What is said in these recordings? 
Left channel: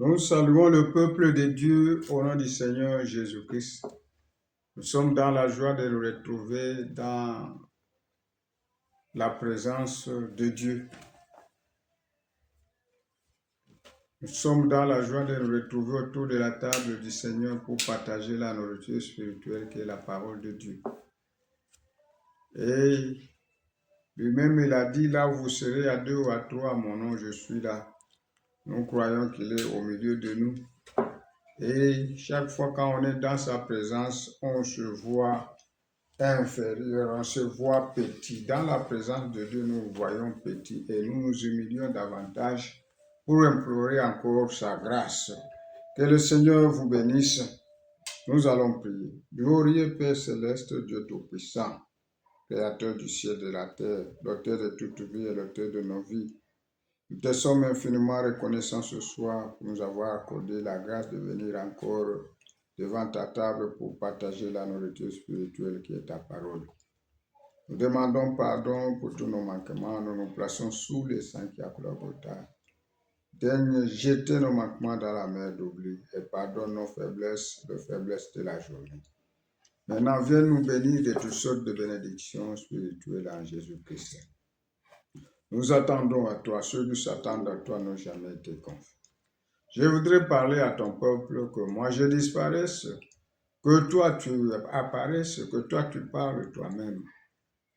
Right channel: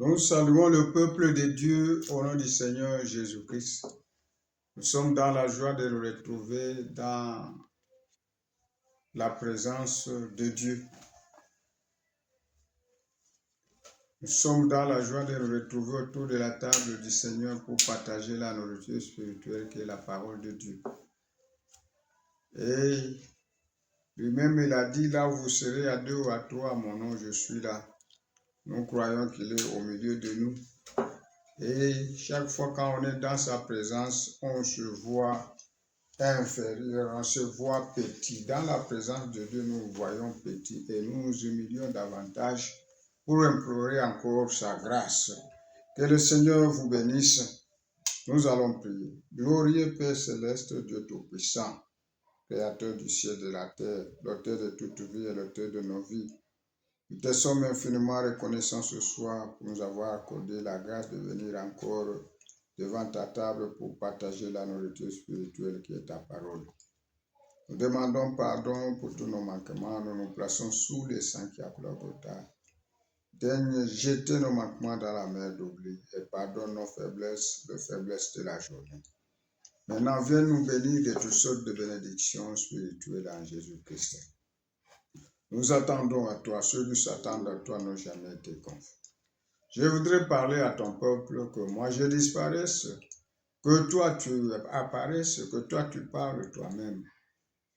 Nous saluons le peuple de Dieu au nom du Seigneur Jésus-Christ. Nous sommes dans la joie de nous retrouver dans la présence de Dieu. Nous sommes dans la joie de nous retrouver autour de la table du Seigneur pour partager la nourriture spirituelle qui est la parole de Dieu. Et lui-même, il a dit, là où vous serez à 2 ou à 3 à mon nom, je suis là. Nous croyons qu'il est au milieu de nous. Et chaque fois quand on est dans sa présence, on se voit inférieur, on se voit petit. Dans la présence de Dieu, nous voyons petit et nous nous humilions davantage pour implorer encore sa grâce. Que le Seigneur vous bénisse. Nous allons prier. Glorieux Père céleste, Dieu tout-puissant, Créateur du ciel et de la terre, l'auteur de toute vie et l'auteur de nos vies. Nous te sommes infiniment reconnaissants ce soir pour nous avoir accordé la grâce de venir encore devant ta table pour partager la nourriture spirituelle qui est ta parole. Nous demandons pardon pour tous nos manquements. Nous nous plaçons sous les sangs qui a Golgotha. Daigne jeter nos manquements dans la mer d'oubli et pardonne nos faiblesses, les faiblesses de la journée. Maintenant, viens nous bénir de toutes sortes de bénédictions spirituelles en Jésus-Christ. Nous attendons à toi, ceux qui s'attendent à toi n'ont jamais été confus. Je voudrais parler à ton peuple que moi je disparaisse, que toi tu apparaisses, que toi tu parles toi-même.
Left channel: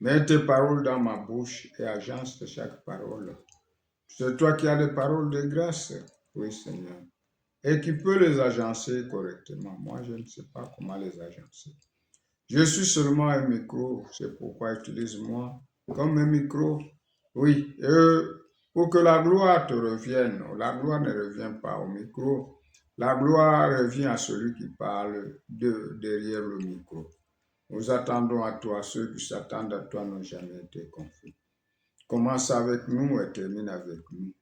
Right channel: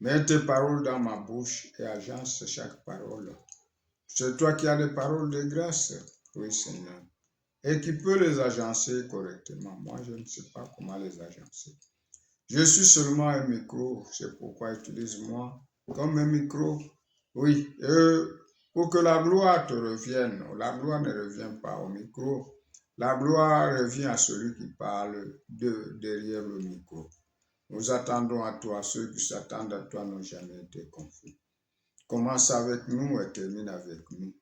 Mets tes paroles dans ma bouche et agence chaque parole. C'est toi qui as des paroles de grâce, oui Seigneur, et qui peux les agencer correctement. Moi je ne sais pas comment les agencer. Je suis seulement un micro, c'est pourquoi utilise-moi comme un micro. Oui, pour que la gloire te revienne. La gloire ne revient pas au micro. La gloire revient à celui qui parle derrière le micro. Nous attendons à toi. Ceux qui s'attendent à toi n'ont jamais été confus. Commence avec nous et termine avec nous.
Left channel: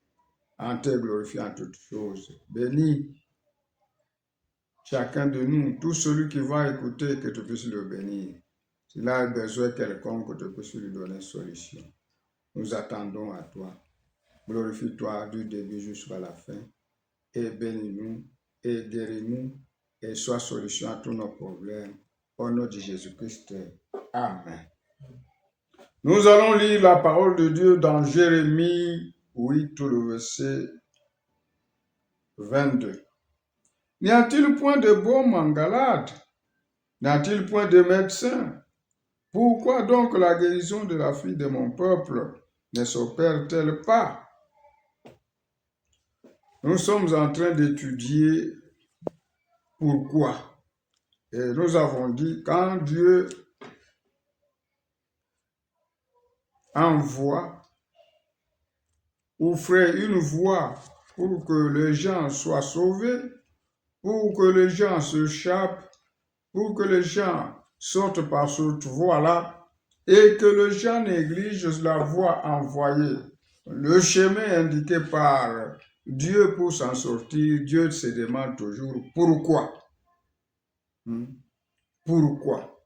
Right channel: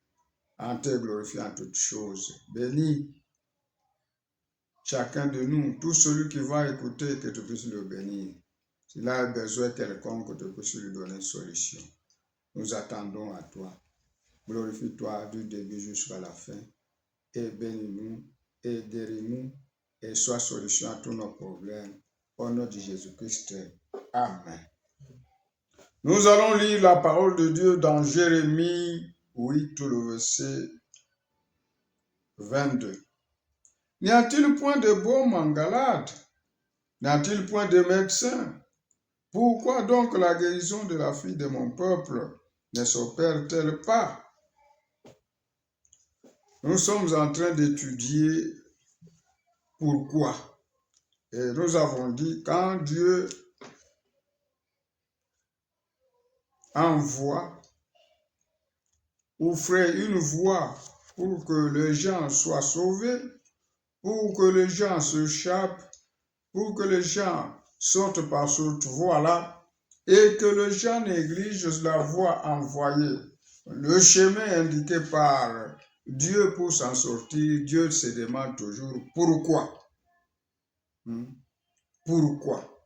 En te glorifiant toutes choses. Bénis chacun de nous. Tout celui qui va écouter, que tu puisses le bénir. S'il a besoin quelconque, que tu puisses lui donner solution. Nous attendons à toi. Glorifie-toi du début jusqu'à la fin. Et bénis-nous, et guéris-nous, et sois solution à tous nos problèmes. Au nom de Jésus-Christ. Amen. Nous allons lire la parole de Dieu dans Jérémie 8, tout le verset 22. N'y a-t-il point de baume en Galade? N'y a-t-il point de médecin? Pourquoi donc la guérison de la fille de mon peuple ne s'opère-t-elle pas? Nous sommes en train d'étudier pourquoi. Et nous avons dit, quand Dieu envoie ou ferait une voie pour que les gens soient sauvés, pour que les gens s'échappent, pour que les gens sortent par cette voie-là, et que les gens négligent la voie envoyée, le chemin indiqué par Dieu pour s'en sortir, Dieu se demande toujours pourquoi. Pourquoi?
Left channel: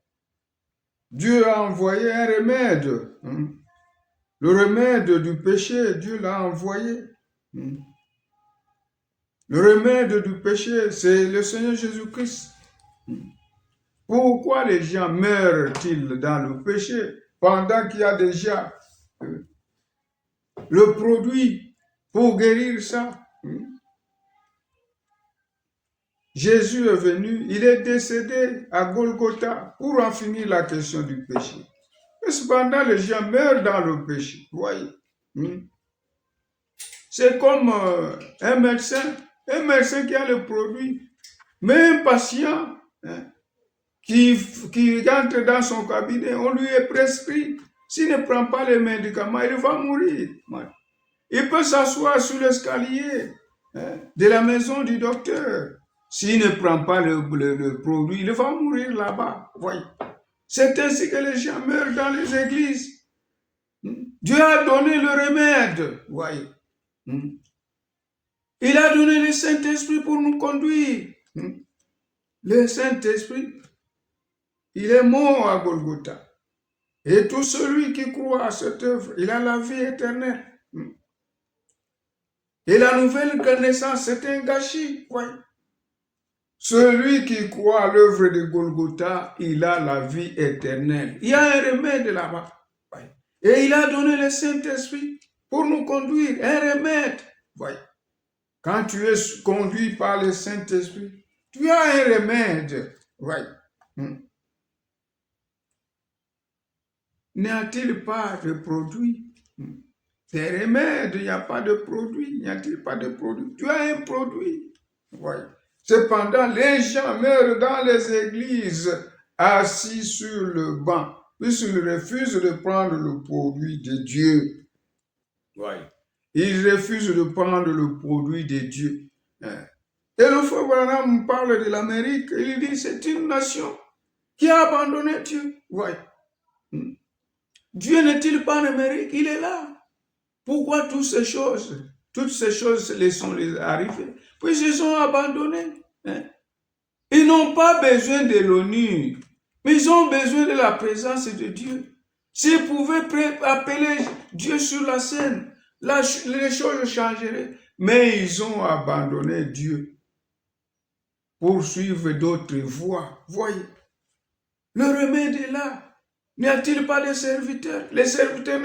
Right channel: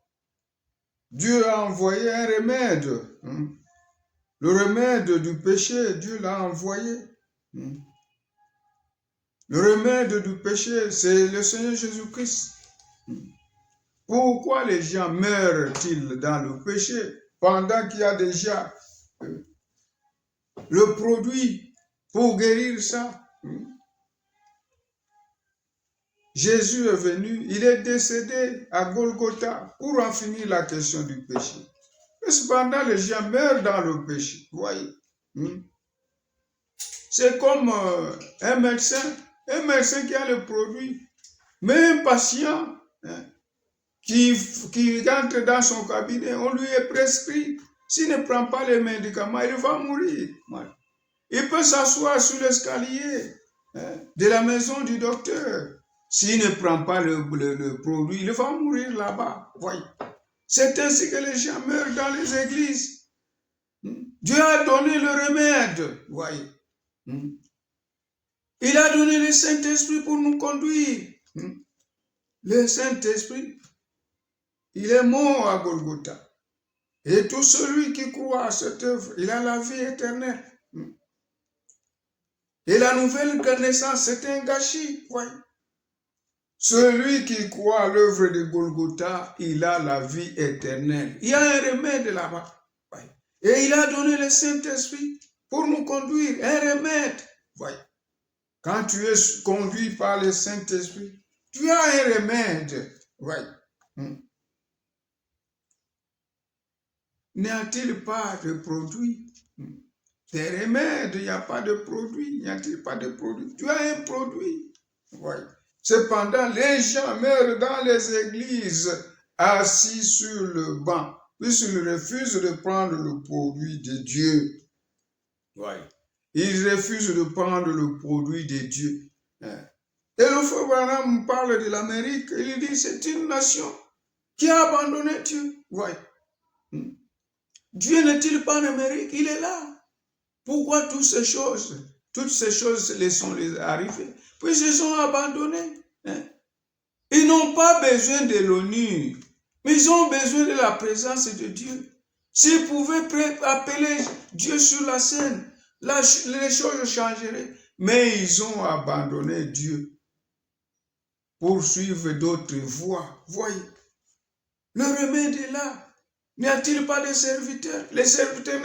Dieu a envoyé un remède. Le remède du péché, Dieu l'a envoyé. Le remède du péché, c'est le Seigneur Jésus-Christ. Pourquoi les gens meurent-ils dans le péché pendant qu'il y a déjà le produit pour guérir ça? Jésus est venu, il est décédé à Golgotha pour en finir la question du péché. Et cependant, les gens meurent dans le péché. Vous voyez? C'est comme un médecin qui a le produit, mais un patient qui entre dans son cabinet, on lui est prescrit. S'il ne prend pas les médicaments, il va mourir. Il peut s'asseoir sur l'escalier de la maison du docteur. S'il ne prend pas le produit, il va mourir là-bas. Voyez. C'est ainsi que les gens meurent dans les églises. Dieu a donné le remède. Voyez. Il a donné le Saint-Esprit pour nous conduire. Le Saint-Esprit, il est mort à Golgotha. Et tout celui qui croit à cette œuvre, il a la vie éternelle. Et la nouvelle naissance, c'est un gâchis. Ouais. Celui qui croit à l'œuvre de Golgotha, il a la vie éternelle. Il y a un remède là-bas. Ouais. Et il a donné le Saint-Esprit pour nous conduire. Un remède. Ouais. Quand tu es conduit par le Saint-Esprit, tu as un remède. Ouais. N'y a-t-il pas de produit? Des remèdes, il n'y a pas de produit. N'y a-t-il pas de produit? Tu as un produit. Ouais. Cependant, les gens meurent dans les églises, assis sur le banc, puisqu'ils refusent de prendre le produit de Dieu. Ouais. Ils refusent de prendre le produit de Dieu. Et le frère Branham parle de l'Amérique. Il dit c'est une nation qui a abandonné Dieu. Ouais. Dieu n'est-il pas en Amérique? Il est là. Pourquoi toutes ces choses les sont arrivées? Puisqu'ils sont abandonnés. Ils n'ont pas besoin de l'ONU, mais ils ont besoin de la présence de Dieu. S'ils pouvaient appeler Dieu sur la scène, les choses changeraient. Mais ils ont abandonné Dieu pour suivre d'autres voies. Voyez, le remède est là. N'y a-t-il pas de serviteurs? Les serviteurs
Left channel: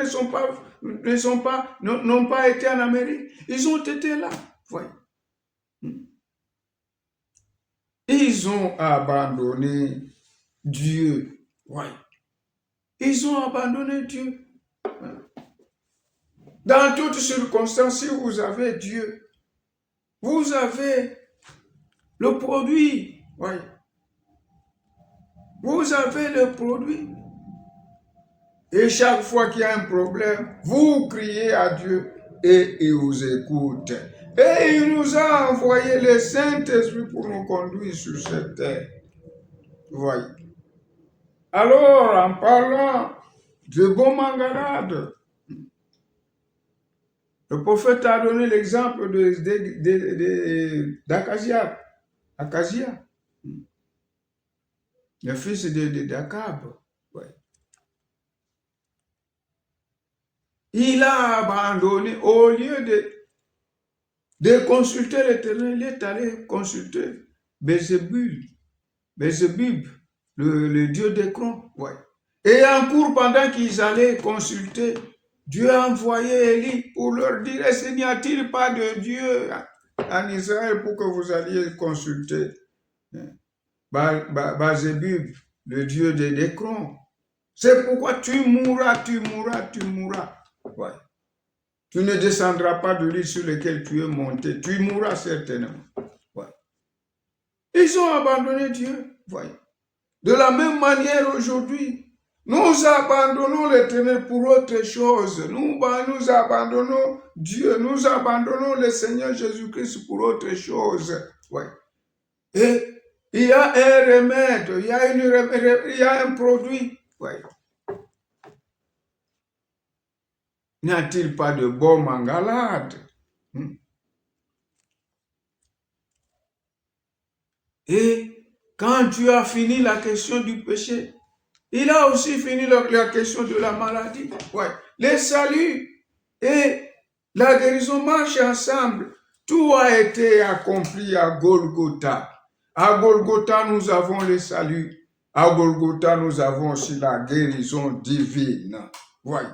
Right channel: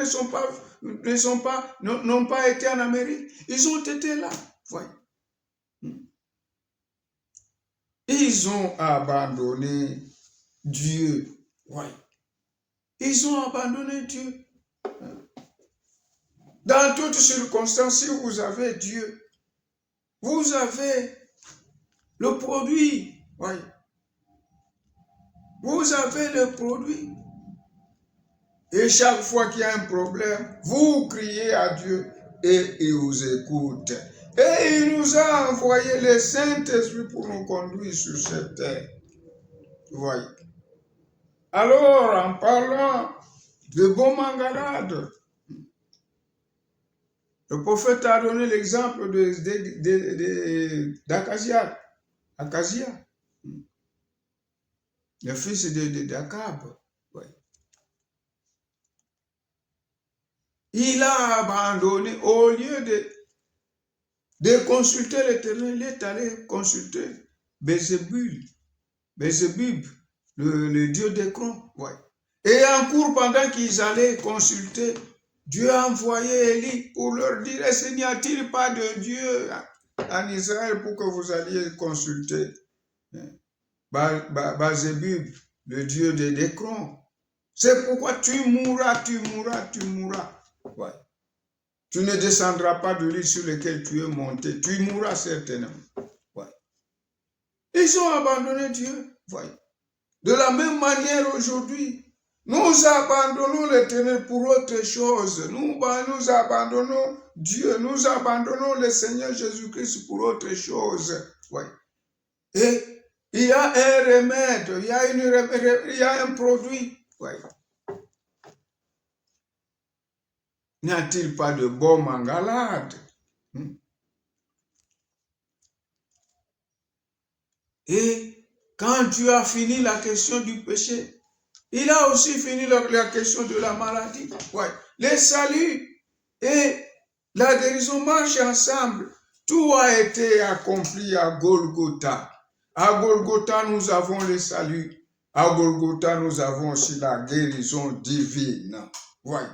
n'ont pas été en Amérique. Ils ont été là. Voyez. Ils ont abandonné Dieu. Ouais. Ils ont abandonné Dieu. Dans toutes circonstances, si vous avez Dieu, vous avez le produit. Ouais. Vous avez le produit. Et chaque fois qu'il y a un problème, vous criez à Dieu et il vous écoute. Et il nous a envoyé le Saint-Esprit pour nous conduire sur cette terre. Voyez. Alors, en parlant de bons mangarades, le prophète a donné l'exemple d'Acasia, le fils d'Akab. Ouais. Il a abandonné, au lieu de consulter l'Éternel, il est allé consulter Bézébub, le dieu d'Écron. Ouais. Et en cours, pendant qu'ils allaient consulter, Dieu a envoyé Élie pour leur dire, est-ce qu'il n'y a-t-il pas de Dieu en Israël pour que vous alliez consulter Bézébub, le dieu d'Écron? C'est pourquoi tu mourras. Ouais. Tu ne descendras pas de l'île sur laquelle tu es monté. Tu mourras certainement. Ouais. Ils ont abandonné Dieu. Ouais. De la même manière aujourd'hui, nous abandonnons l'Éternel pour autre chose. Nous abandonnons Dieu. Nous abandonnons le Seigneur Jésus-Christ pour autre chose. Ouais. Et il y a un remède. Il y a un produit. Ouais. N'y a-t-il pas de bon mangalade? Et quand Dieu a fini la question du péché, il a aussi fini la question de la maladie. Ouais. Les saluts et la guérison marchent ensemble. Tout a été accompli à Golgotha. À Golgotha, nous avons le salut. À Golgotha, nous avons aussi la guérison divine. Ouais.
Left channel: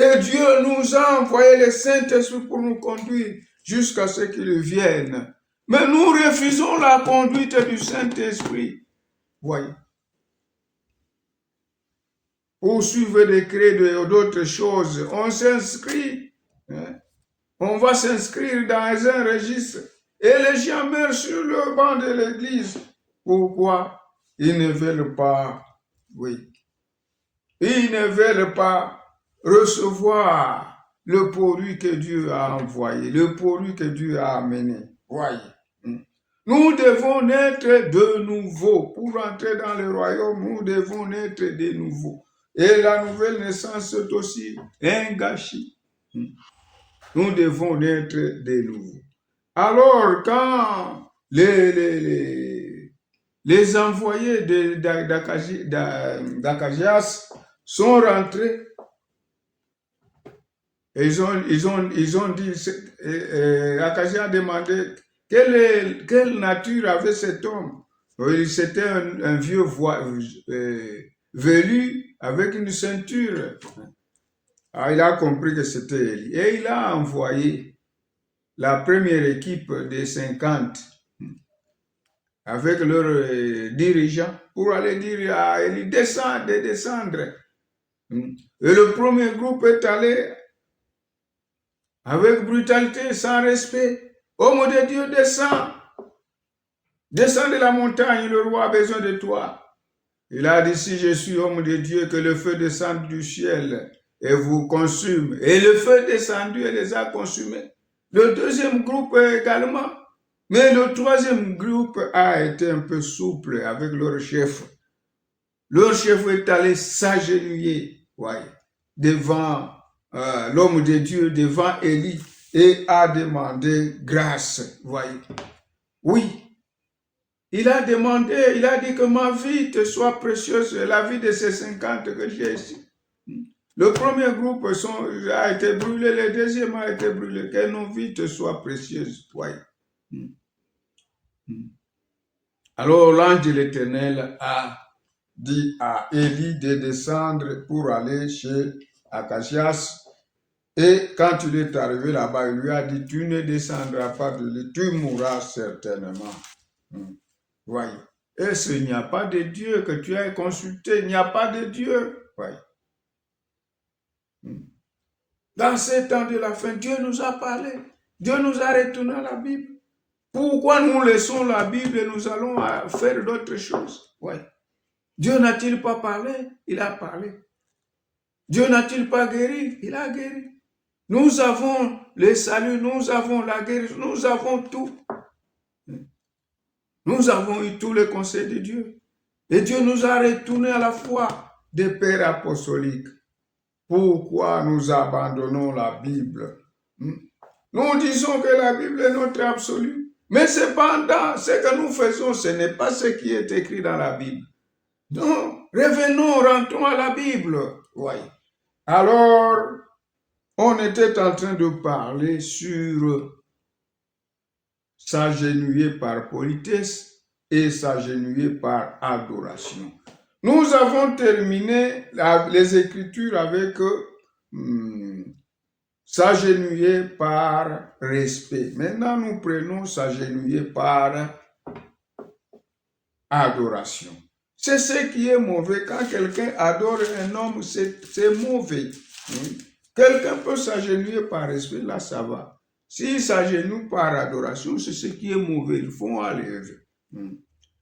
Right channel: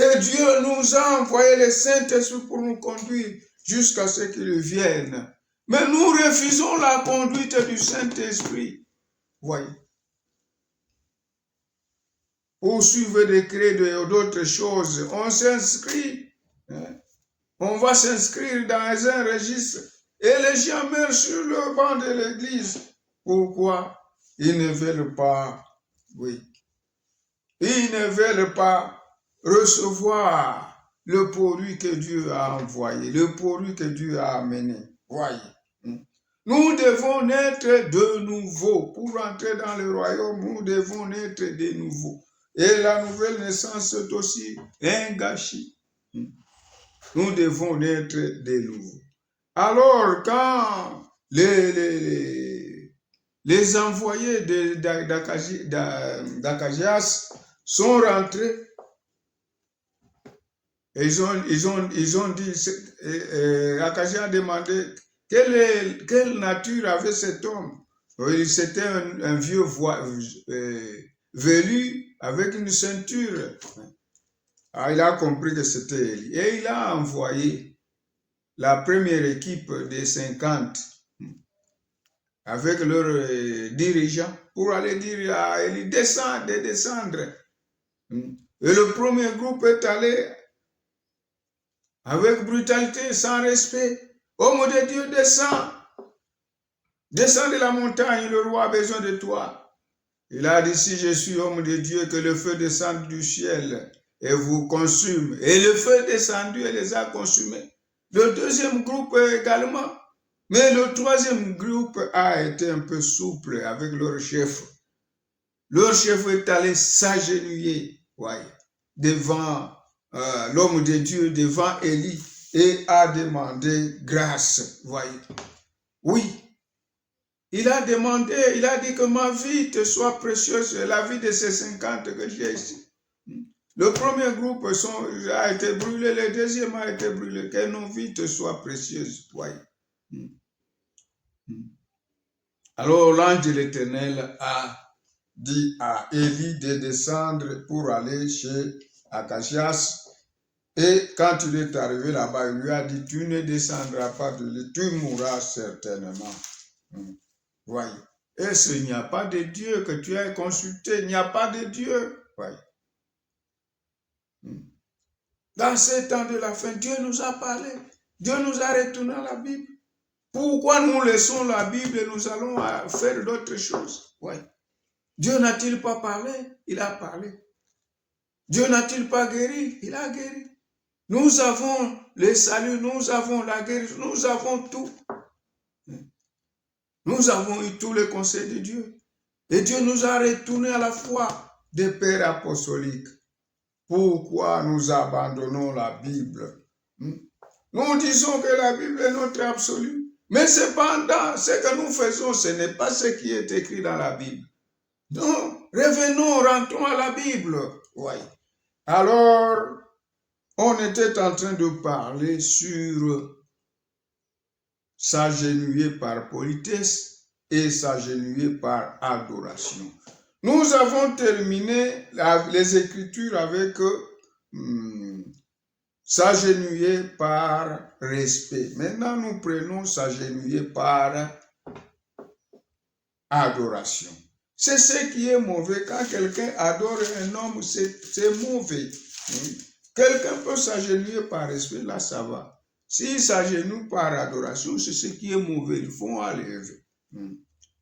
Et Dieu nous a envoyé le Saint-Esprit pour nous conduire jusqu'à ce qu'il vienne. Mais nous refusons la conduite du Saint-Esprit. Voyez. Pour suivre des credos et d'autres choses, on s'inscrit. On va s'inscrire dans un registre. Et les gens meurent sur le banc de l'église. Pourquoi? Ils ne veulent pas, oui. Ils ne veulent pas recevoir le produit que Dieu a envoyé, le produit que Dieu a amené. Voyez. Nous devons naître de nouveau. Pour entrer dans le royaume, nous devons naître de nouveau. Et la nouvelle naissance est aussi un gâchis. Nous devons naître de nouveau. Alors, quand les envoyés d'Acazias sont rentrés, Ils ont dit, Acacia a demandé quelle nature avait cet homme. C'était un vieux velu avec une ceinture. Ah, il a compris que c'était Élie. Et il a envoyé la première équipe des 50 avec leurs dirigeants pour aller dire à Élie de descendre. Et le premier groupe est allé avec brutalité, sans respect. Homme de Dieu, descends. Descends de la montagne, le roi a besoin de toi. Il a dit, si je suis homme de Dieu, que le feu descende du ciel et vous consume. Et le feu est descendu et les a consumés. Le deuxième groupe également. Mais le troisième groupe a été un peu souple avec leur chef. Leur chef est allé s'agenouiller devant l'homme de Dieu, devant Élie, et a demandé grâce. Voyez. Oui. Il a demandé, il a dit que ma vie te soit précieuse, la vie de ces 50 que j'ai ici. Le premier groupe a été brûlé, le deuxième a été brûlé, que nos vies te soient précieuses. Voyez. Alors l'ange de l'Éternel a dit à Élie de descendre pour aller chez Acacias. Et quand il est arrivé là-bas, il lui a dit, tu ne descendras pas de l'île, tu mourras certainement. Voyez. Est-ce qu'il n'y a pas de Dieu que tu as consulté? Il n'y a pas de Dieu. Voyez. Dans ces temps de la fin, Dieu nous a parlé. Dieu nous a retourné à la Bible. Pourquoi nous laissons la Bible et nous allons faire d'autres choses? Ouais. Dieu n'a-t-il pas parlé? Il a parlé. Dieu n'a-t-il pas guéri? Il a guéri. Nous avons le salut, nous avons la guérison, nous avons tout. Nous avons eu tous les conseils de Dieu. Et Dieu nous a retourné à la foi des pères apostoliques. Pourquoi nous abandonnons la Bible? Nous disons que la Bible est notre absolu. Mais cependant, ce que nous faisons, ce n'est pas ce qui est écrit dans la Bible. Donc, revenons, rentrons à la Bible. Oui. Alors, on était en train de parler sur s'agenouiller par politesse et s'agenouiller par adoration. Nous avons terminé les Écritures avec s'agenouiller par respect. Maintenant, nous prenons s'agenouiller par adoration. C'est ce qui est mauvais. Quand quelqu'un adore un homme, c'est mauvais. Oui. Quelqu'un peut s'agenouiller par respect, là ça va. S'il s'agenouille par adoration, c'est ce qui est mauvais. Il faut enlever.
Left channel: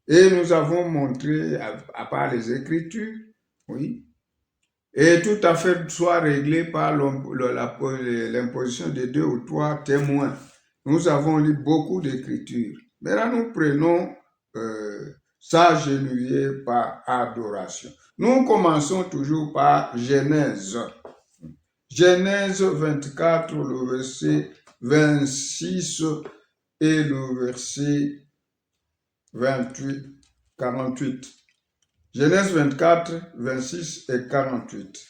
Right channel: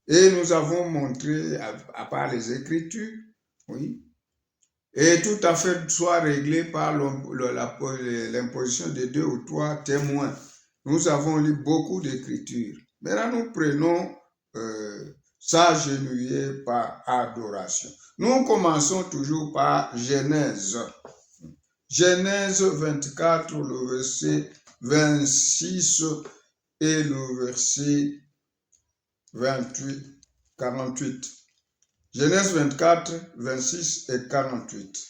Et nous avons montré, à part les Écritures, oui, et tout à fait soit réglé par l'imposition de 2 ou 3 témoins. Nous avons lu beaucoup d'Écritures. Maintenant, nous prenons s'agenouiller par adoration. Nous commençons toujours par Genèse. Genèse 24, le verset 26 et le verset 48. Genèse 24, 26 et 48.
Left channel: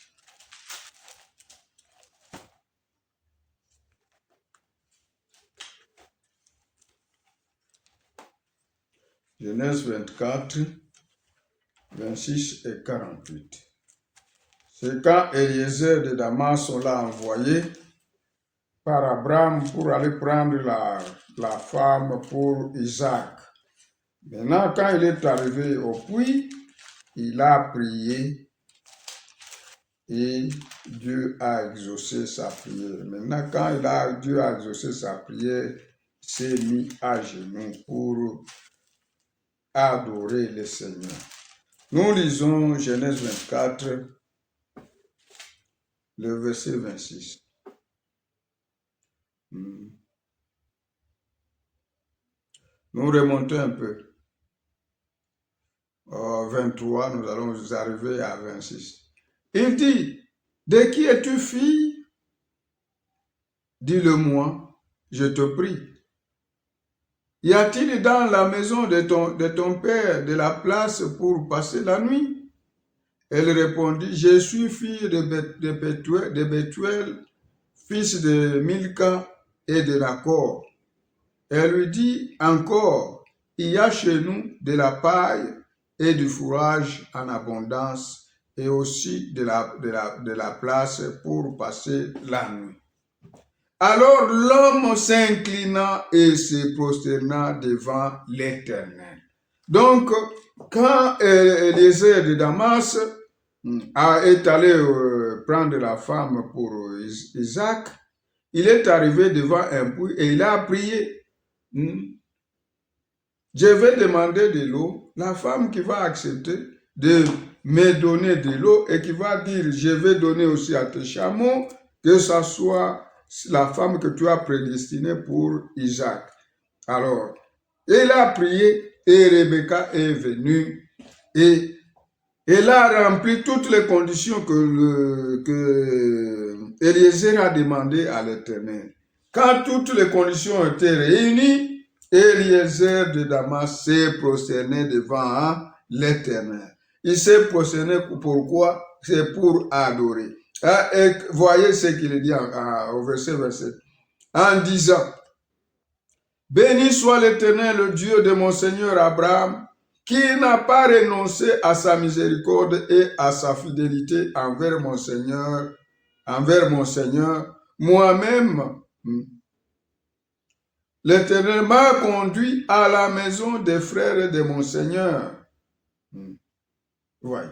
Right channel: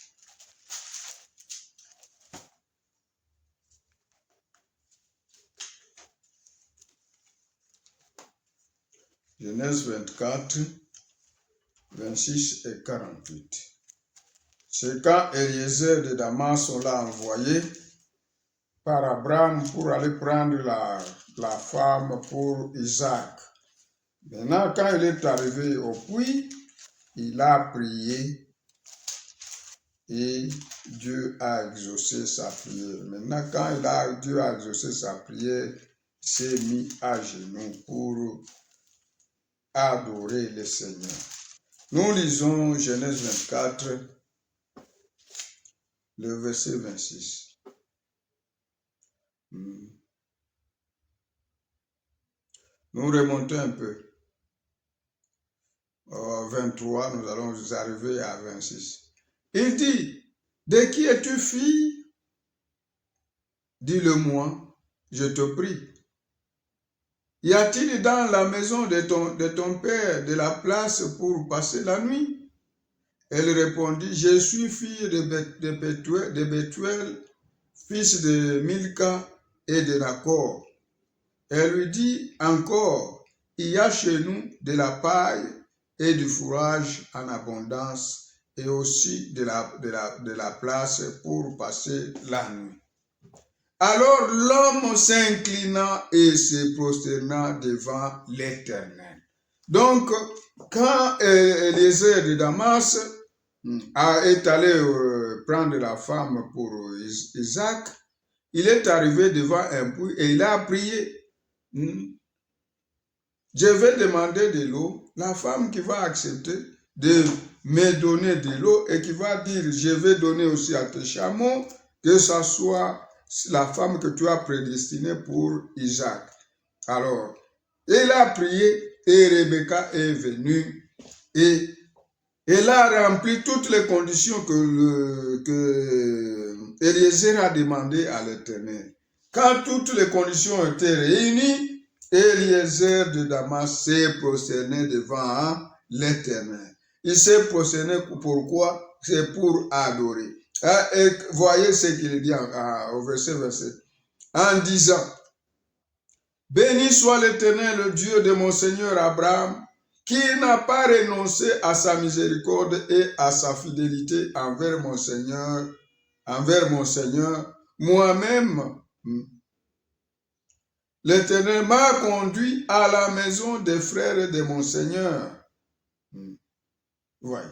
Genèse 24, 26 et 48. C'est quand Eliezer de Damas l'a envoyé par Abraham pour aller prendre la femme pour Isaac. Maintenant, quand il est arrivé au puits, il a prié et Dieu a exaucé sa prière. Maintenant, quand Dieu a exaucé sa prière, il s'est mis à genoux pour adorer le Seigneur. Nous lisons Genèse 24, le verset 26. Nous remontons un peu. 23, nous allons arriver à 26. Il dit, de qui es-tu fille? Dis-le-moi, je te prie. Y a-t-il dans la maison de ton père de la place pour passer la nuit? Elle répondit, je suis fille de Bethuel, fils de Milka et de Nacor. Elle lui dit encore, il y a chez nous de la paille et du fourrage en abondance et aussi de la place pour passer la nuit. Alors l'homme s'inclina et se prosterna devant l'Éternel. Donc, quand Eliezer de Damas est allé prendre la femme pour Isaac, il est arrivé devant un puits et il a prié. Je vais demander de l'eau. La femme qui va accepter de me donner de l'eau et qui va dire, je vais donner aussi à tes chameaux, que ce soit la femme que tu as prédestinée pour Isaac. Alors, il a prié et Rebecca est venue et elle a rempli toutes les conditions que Eliezer a demandé à l'Éternel. Quand toutes les conditions étaient réunies, Eliezer de Damas s'est prosterné devant l'Éternel. Il s'est prosterné pourquoi? C'est pour adorer. Et voyez ce qu'il dit au verset 27. En disant, béni soit l'Éternel, le Dieu de mon Seigneur Abraham, qui n'a pas renoncé à sa miséricorde et à sa fidélité envers mon Seigneur, moi-même. L'Éternel m'a conduit à la maison des frères de mon Seigneur. Ouais.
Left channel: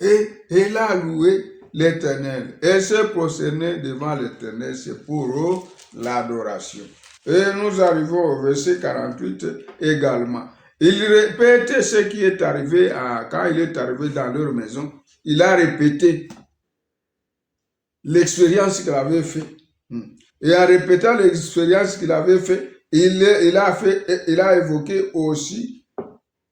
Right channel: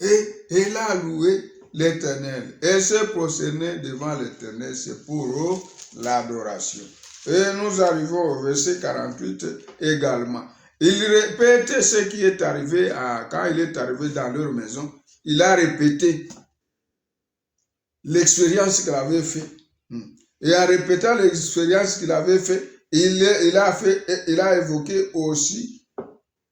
Et elle a loué l'Éternel. Elle s'est prosternée devant l'Éternel. C'est pour l'adoration. Et nous arrivons au verset 48 également. Il répète ce qui est arrivé quand il est arrivé dans leur maison. Il a répété l'expérience qu'il avait faite. Et en répétant l'expérience qu'il avait faite, il a évoqué aussi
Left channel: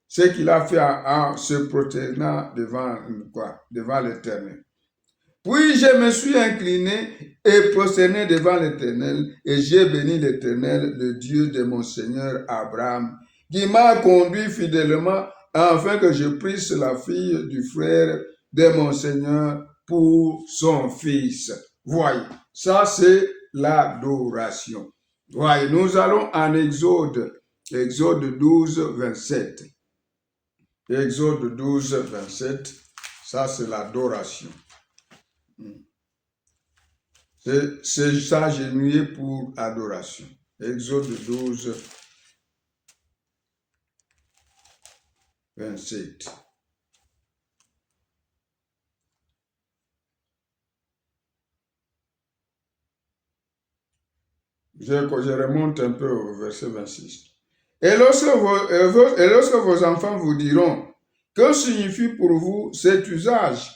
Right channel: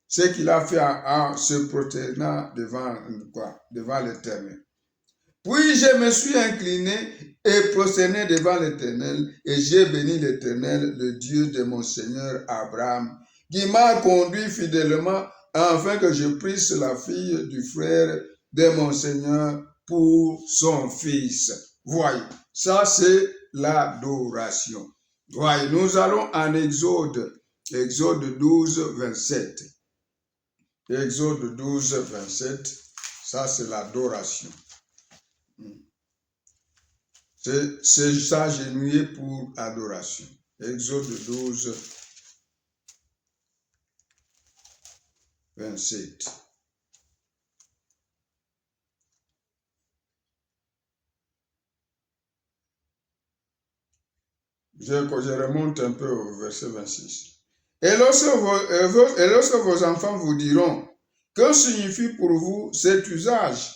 ce qu'il a fait en se prosternant devant l'Éternel. Puis je me suis incliné et prosterné devant l'Éternel, et j'ai béni l'Éternel, le Dieu de mon Seigneur Abraham, qui m'a conduit fidèlement afin que je prisse la fille du frère de mon Seigneur pour son fils. Voyez, ça c'est l'adoration. Voyez, nous allons en Exode 12, 27. Exode 12, 27, ça c'est l'adoration. C'est s'agenouiller pour adoration. Exode 12, 27. Je remonte un peu au verset 26. Et lorsque vos enfants vous diront, que signifie pour vous cet usage?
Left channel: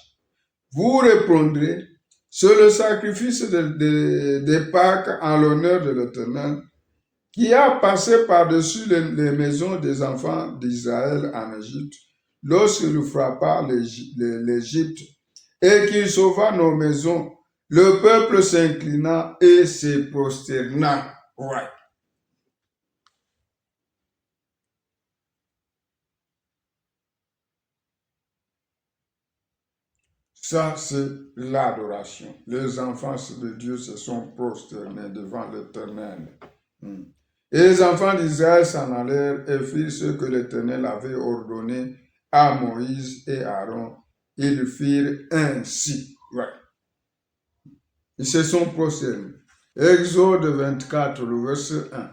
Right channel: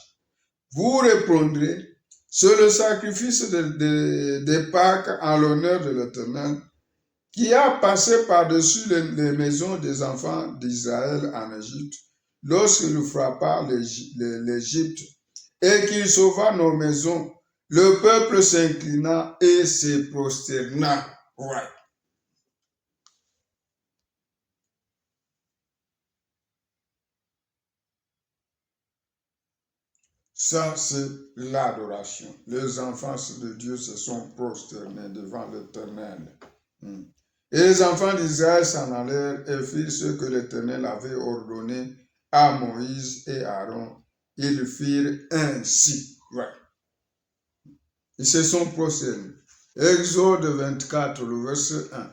Vous répondrez, c'est le sacrifice de Pâques en l'honneur de l'Éternel, qui a passé par-dessus les maisons des enfants d'Israël en Égypte, lorsqu'il frappa l'Égypte, et qu'il sauva nos maisons. Le peuple s'inclina et se prosterna. Ouais. Ça, c'est l'adoration. Les enfants de Dieu se sont prosternés devant l'Éternel. Et les enfants d'Israël s'en allèrent et firent ce que l'Éternel avait ordonné à Moïse et Aaron. Ils firent ainsi. Ouais. Ils se sont prosternés. Exode 24, le verset 1.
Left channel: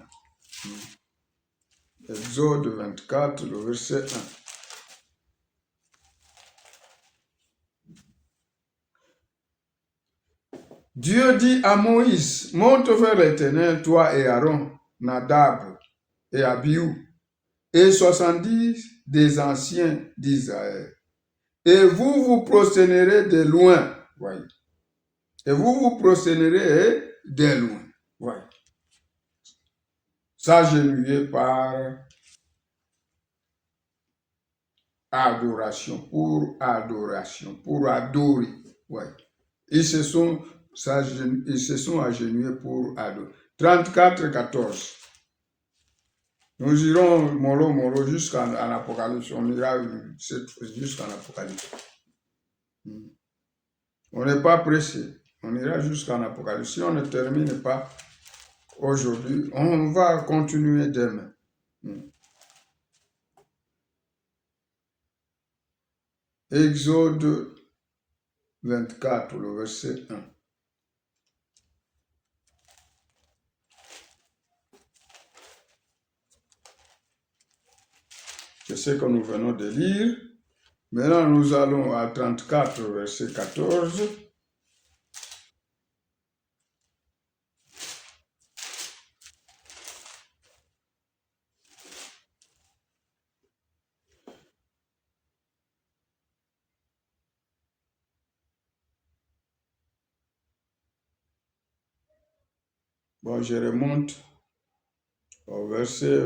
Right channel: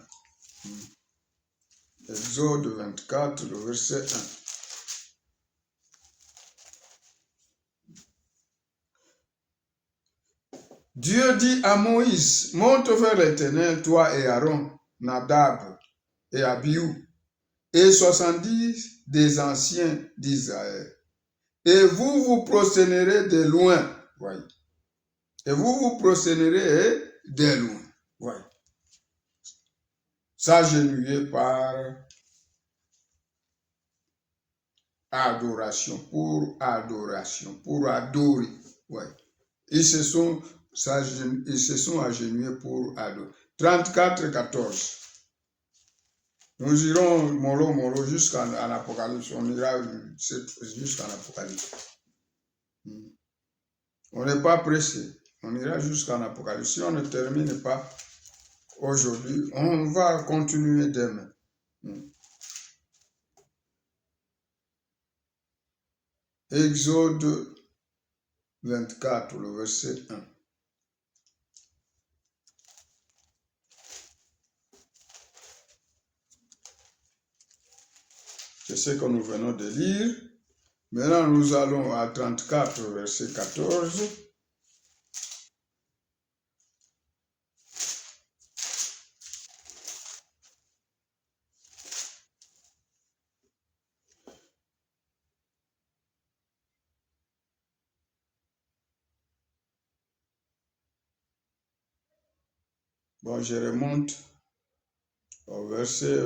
Exode 24, le verset 1. Dieu dit à Moïse, monte vers l'Éternel, toi et Aaron, Nadab et Abihu, et 70 des anciens d'Israël. Et vous vous prosternerez de loin. Voyez. Et vous vous prosternerez de loin. Voyez. S'agenouiller par adoration, pour adorer. Ouais. Ils se sont agenouillés pour adorer. 34, 14. Nous irons mollo jusqu'à l'Apocalypse. On ira jusqu'à l'Apocalypse. On n'est pas pressé. On ira jusqu'en Apocalypse. Si on ne termine pas aujourd'hui, on va continuer demain. Exode 24, le verset 1. C'est ce que nous venons de lire. Maintenant, nous allons à 34, verset 14. Bon, je remonte au verset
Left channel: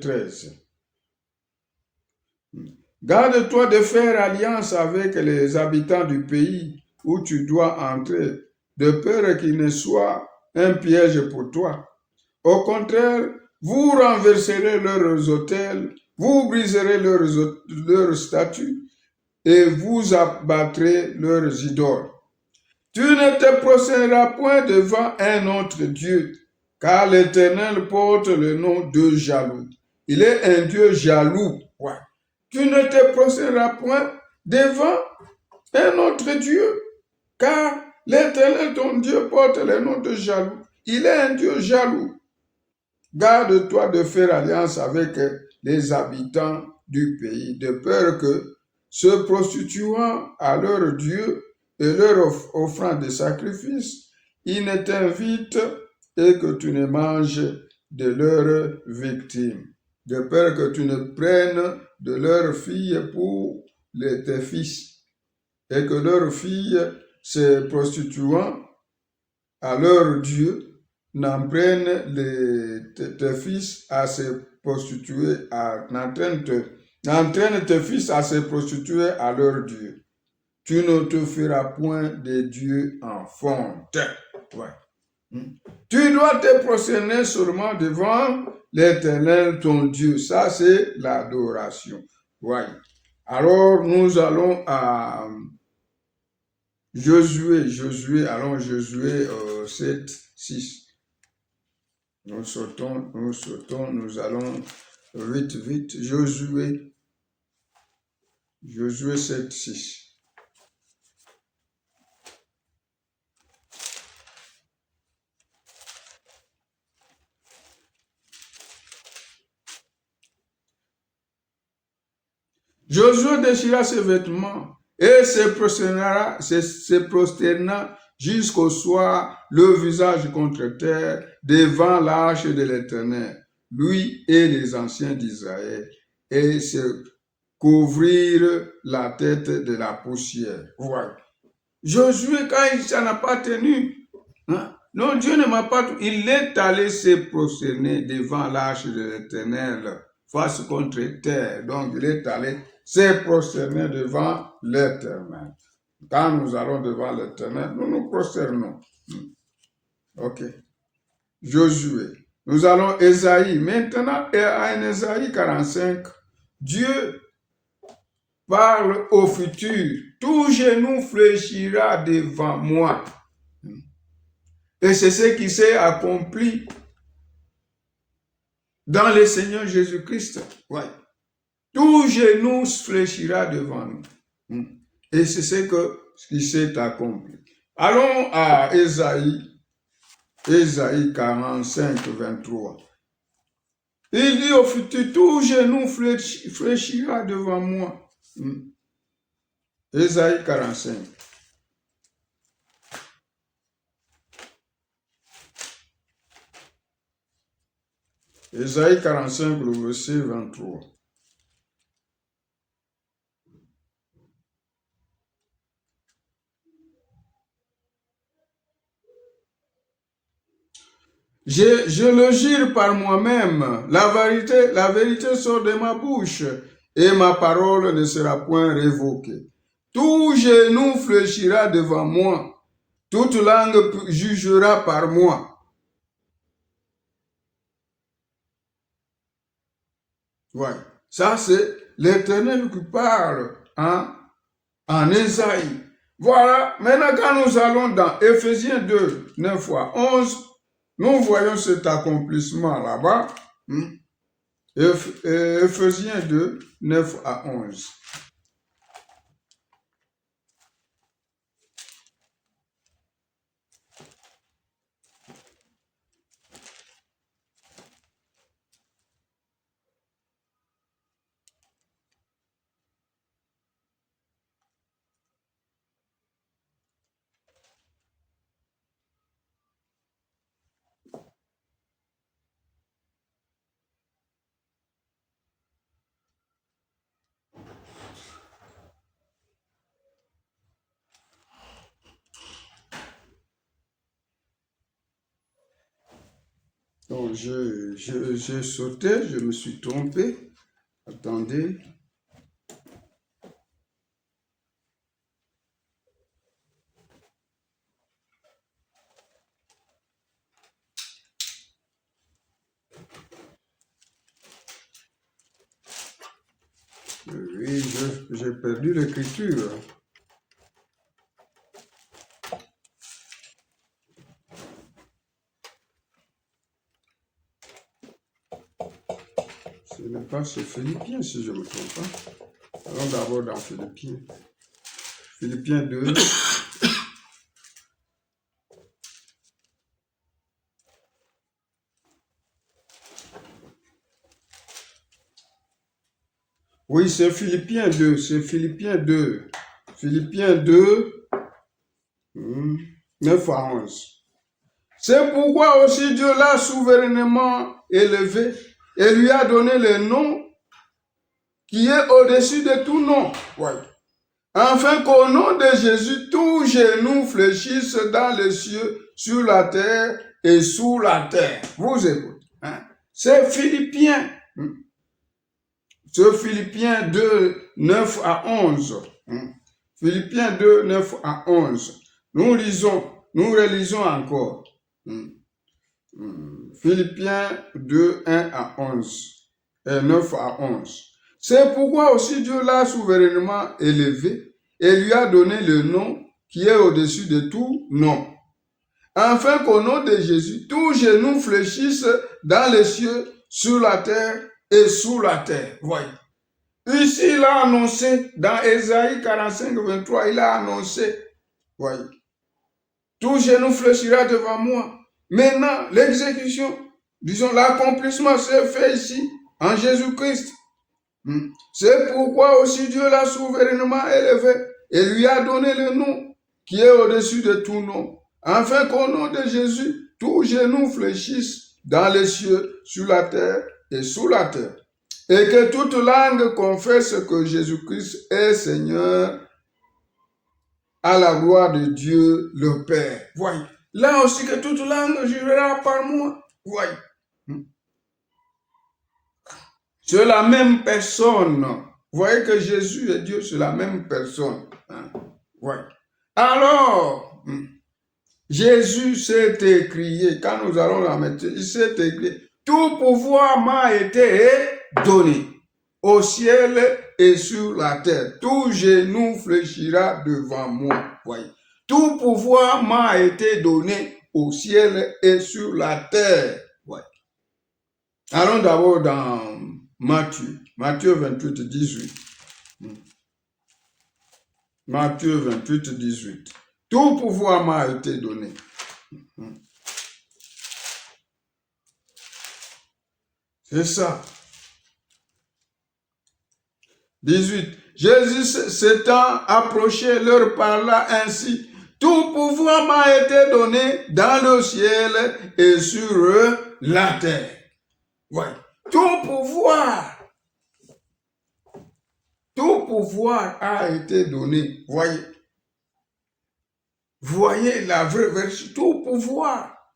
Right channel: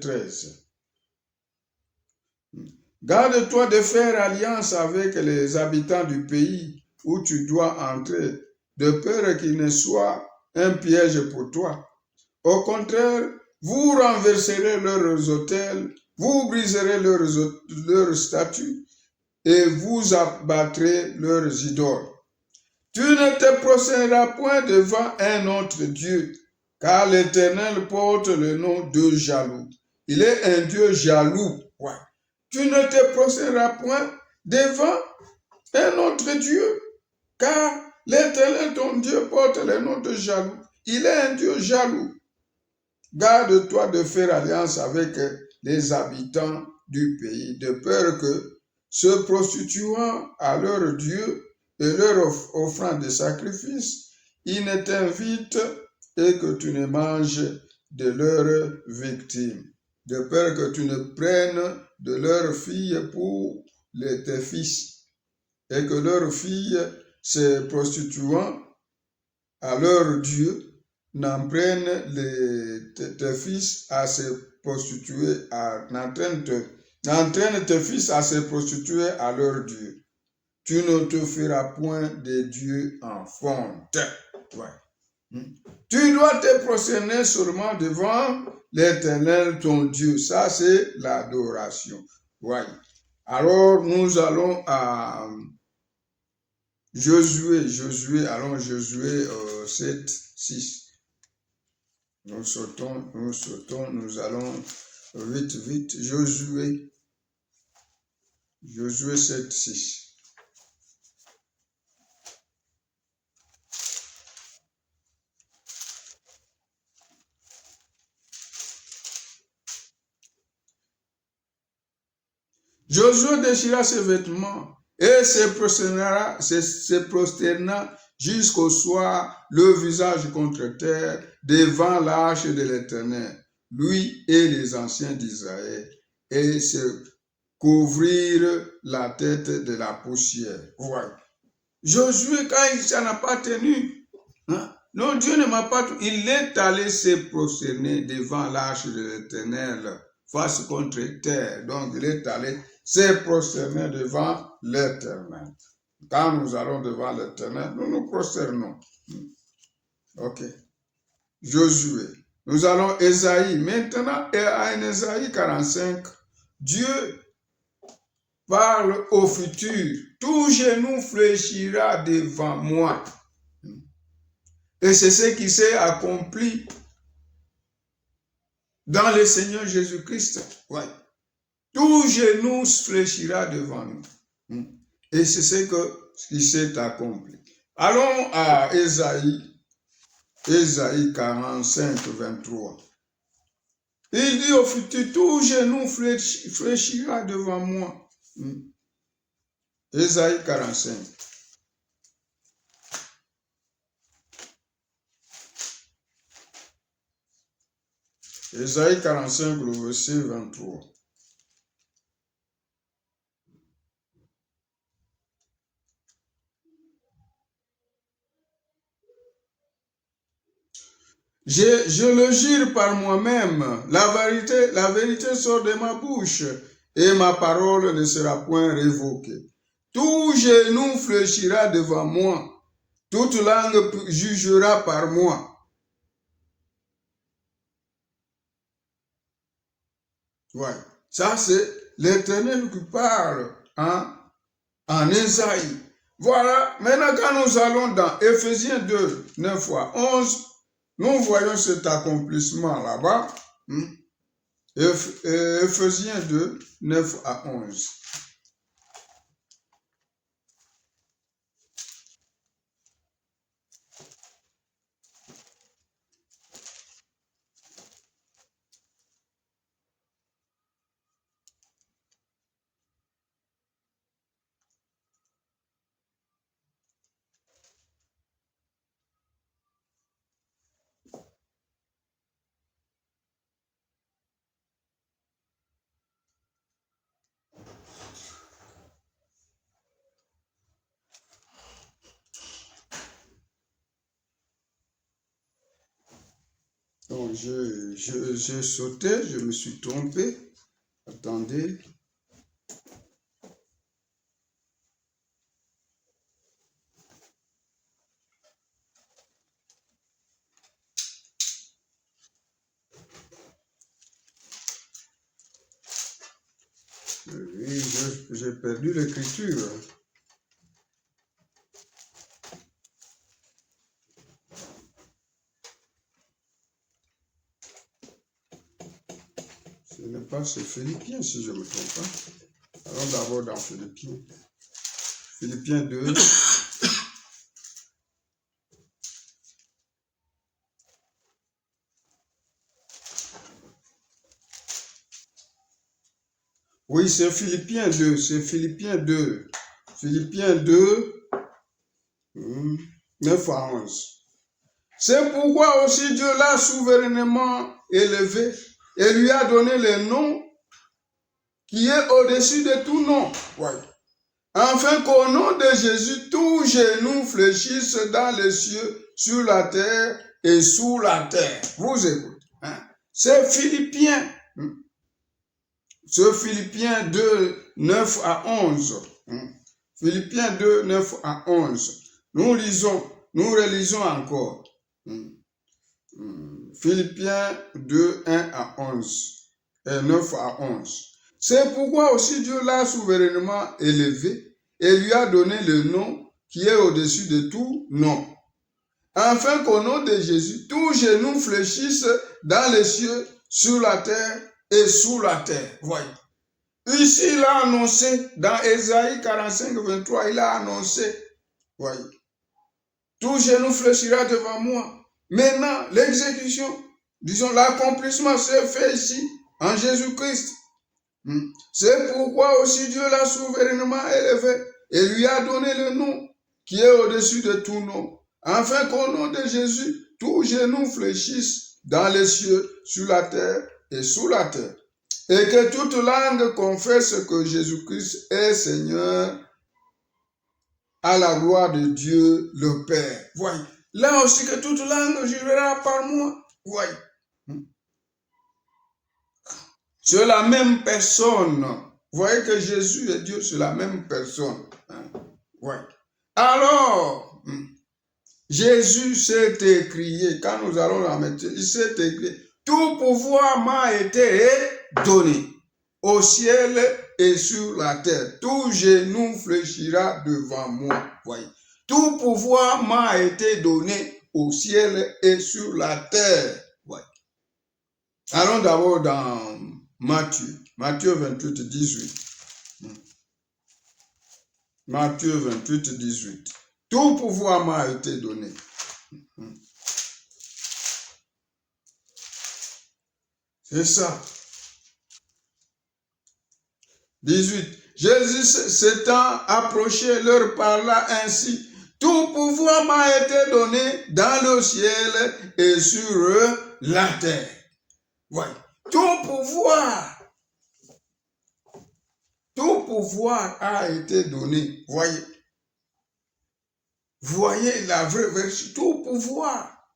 13. Garde-toi de faire alliance avec les habitants du pays où tu dois entrer, de peur qu'il ne soit un piège pour toi. Au contraire, vous renverserez leurs autels, vous briserez leurs statues et vous abattrez leurs idoles. Tu ne te prosterneras point devant un autre Dieu, car l'Éternel porte le nom de jaloux. Il est un Dieu jaloux. Ouais. Tu ne te prosterneras point devant un autre Dieu, car l'Éternel, ton Dieu, porte le nom de jaloux. Il est un Dieu jaloux. Garde-toi de faire alliance avec les habitants du pays, de peur que, se prostituant à leur Dieu et leur offrant des sacrifices, ils ne t'invitent et que tu ne manges de leurs victimes, de peur que tu ne prennes de leurs filles pour tes fils, et que leurs filles, se prostituant à leur Dieu, n'entraînent tes fils à se prostituer, n'entraînent tes fils à se prostituer à leur Dieu. Tu ne te feras point de Dieu en fonte. Ouais. Tu dois te prosterner seulement devant l'Éternel ton Dieu. Ça, c'est l'adoration. Ouais. Alors, nous allons à Josué 7, 6. Nous sautons, nous allons vite. Josué 7, 6. Josué déchira ses vêtements et se prosterna jusqu'au soir, le visage contre terre, devant l'arche de l'Éternel, lui et les anciens d'Israël, et se couvrirent la tête de la poussière. Voilà. Josué, quand ça n'a pas tenu, non, Dieu ne m'a pas tenu, il est allé se prosterner devant l'arche de l'Éternel, face contre terre. Donc, il est allé se prosterner devant l'Éternel. Quand nous allons devant l'Éternel, nous nous prosternons. Ok. Josué. Nous allons Ésaïe. Maintenant, à Ésaïe 45, Dieu parle au futur. Tout genou fléchira devant moi. Et c'est ce qui s'est accompli dans le Seigneur Jésus-Christ. Ouais. Tout genou fléchira devant nous. Et c'est ce qui s'est accompli. Allons à Ésaïe 45, 23. Il dit au futur, tout genou fléchira devant moi. Ésaïe 45. Ésaïe 45, le verset 23. Je le jure par moi-même, la vérité sort de ma bouche, et ma parole ne sera point révoquée. Tout genou fléchira devant moi, toute langue jugera par moi. Ouais. Ça, c'est l'Éternel qui parle en Ésaïe. Voilà, maintenant quand nous allons dans Éphésiens 2, 9 à 11, nous voyons cet accomplissement là-bas. Éphésiens 2, 9 à 11. Donc, j'ai sauté, je me suis trompé. Attendez. Oui, j'ai perdu l'écriture. Ce n'est pas chez Philippiens, si je ne me trompe pas. Allons d'abord dans Philippiens. Philippiens 2. Oui, c'est Philippiens 2. C'est Philippiens 2. Philippiens 2, 9 à 11. C'est pourquoi aussi Dieu l'a souverainement élevé et lui a donné le nom qui est au-dessus de tout nom. Ouais. Afin qu'au nom de Jésus, tout genou fléchisse dans les cieux, sur la terre et sous la terre. Vous écoutez. Hein? C'est Philippiens. C'est Philippiens 2, 9 à 11. Philippiens 2, 9 à 11. Nous relisons encore. Philippiens 2, 1 à 11 et 9 à 11. C'est pourquoi aussi Dieu l'a souverainement élevé et lui a donné le nom qui est au-dessus de tout nom. Afin qu'au nom de Jésus, tout genou fléchisse dans les cieux, sur la terre et sous la terre. Voyez. Ici, il a annoncé, dans Ésaïe 45, 23, il a annoncé, voyez, tout genou fléchira devant moi. Maintenant, l'exécution, disons, l'accomplissement s'est fait ici, en Jésus-Christ. C'est pourquoi aussi Dieu l'a souverainement élevé et lui a donné le nom qui est au-dessus de tout nom, afin qu'au nom de Jésus, tout genou fléchisse dans les cieux, sur la terre et sous la terre, et que toute langue confesse que Jésus-Christ est Seigneur, à la gloire de Dieu le Père. Voyez, là aussi que toute langue jurera par moi. Voyez. C'est la même personne. Vous voyez que Jésus et Dieu, c'est la même personne. Ouais. Alors, Jésus s'est écrié, quand nous allons la mettre, il s'est écrit, tout pouvoir m'a été donné au ciel et sur la terre. Tout genou fléchira devant moi. Voyez. Tout pouvoir m'a été donné au ciel et sur la terre. Ouais. Allons d'abord dans Matthieu 28, 18. Matthieu 28, 18. Tout pouvoir m'a été donné. C'est ça. 18. Jésus s'étant approché leur parla ainsi. Tout pouvoir m'a été donné dans le ciel et sur la terre. Ouais. Tout pouvoir a été donné. Voyez la vraie version. Tout pouvoir.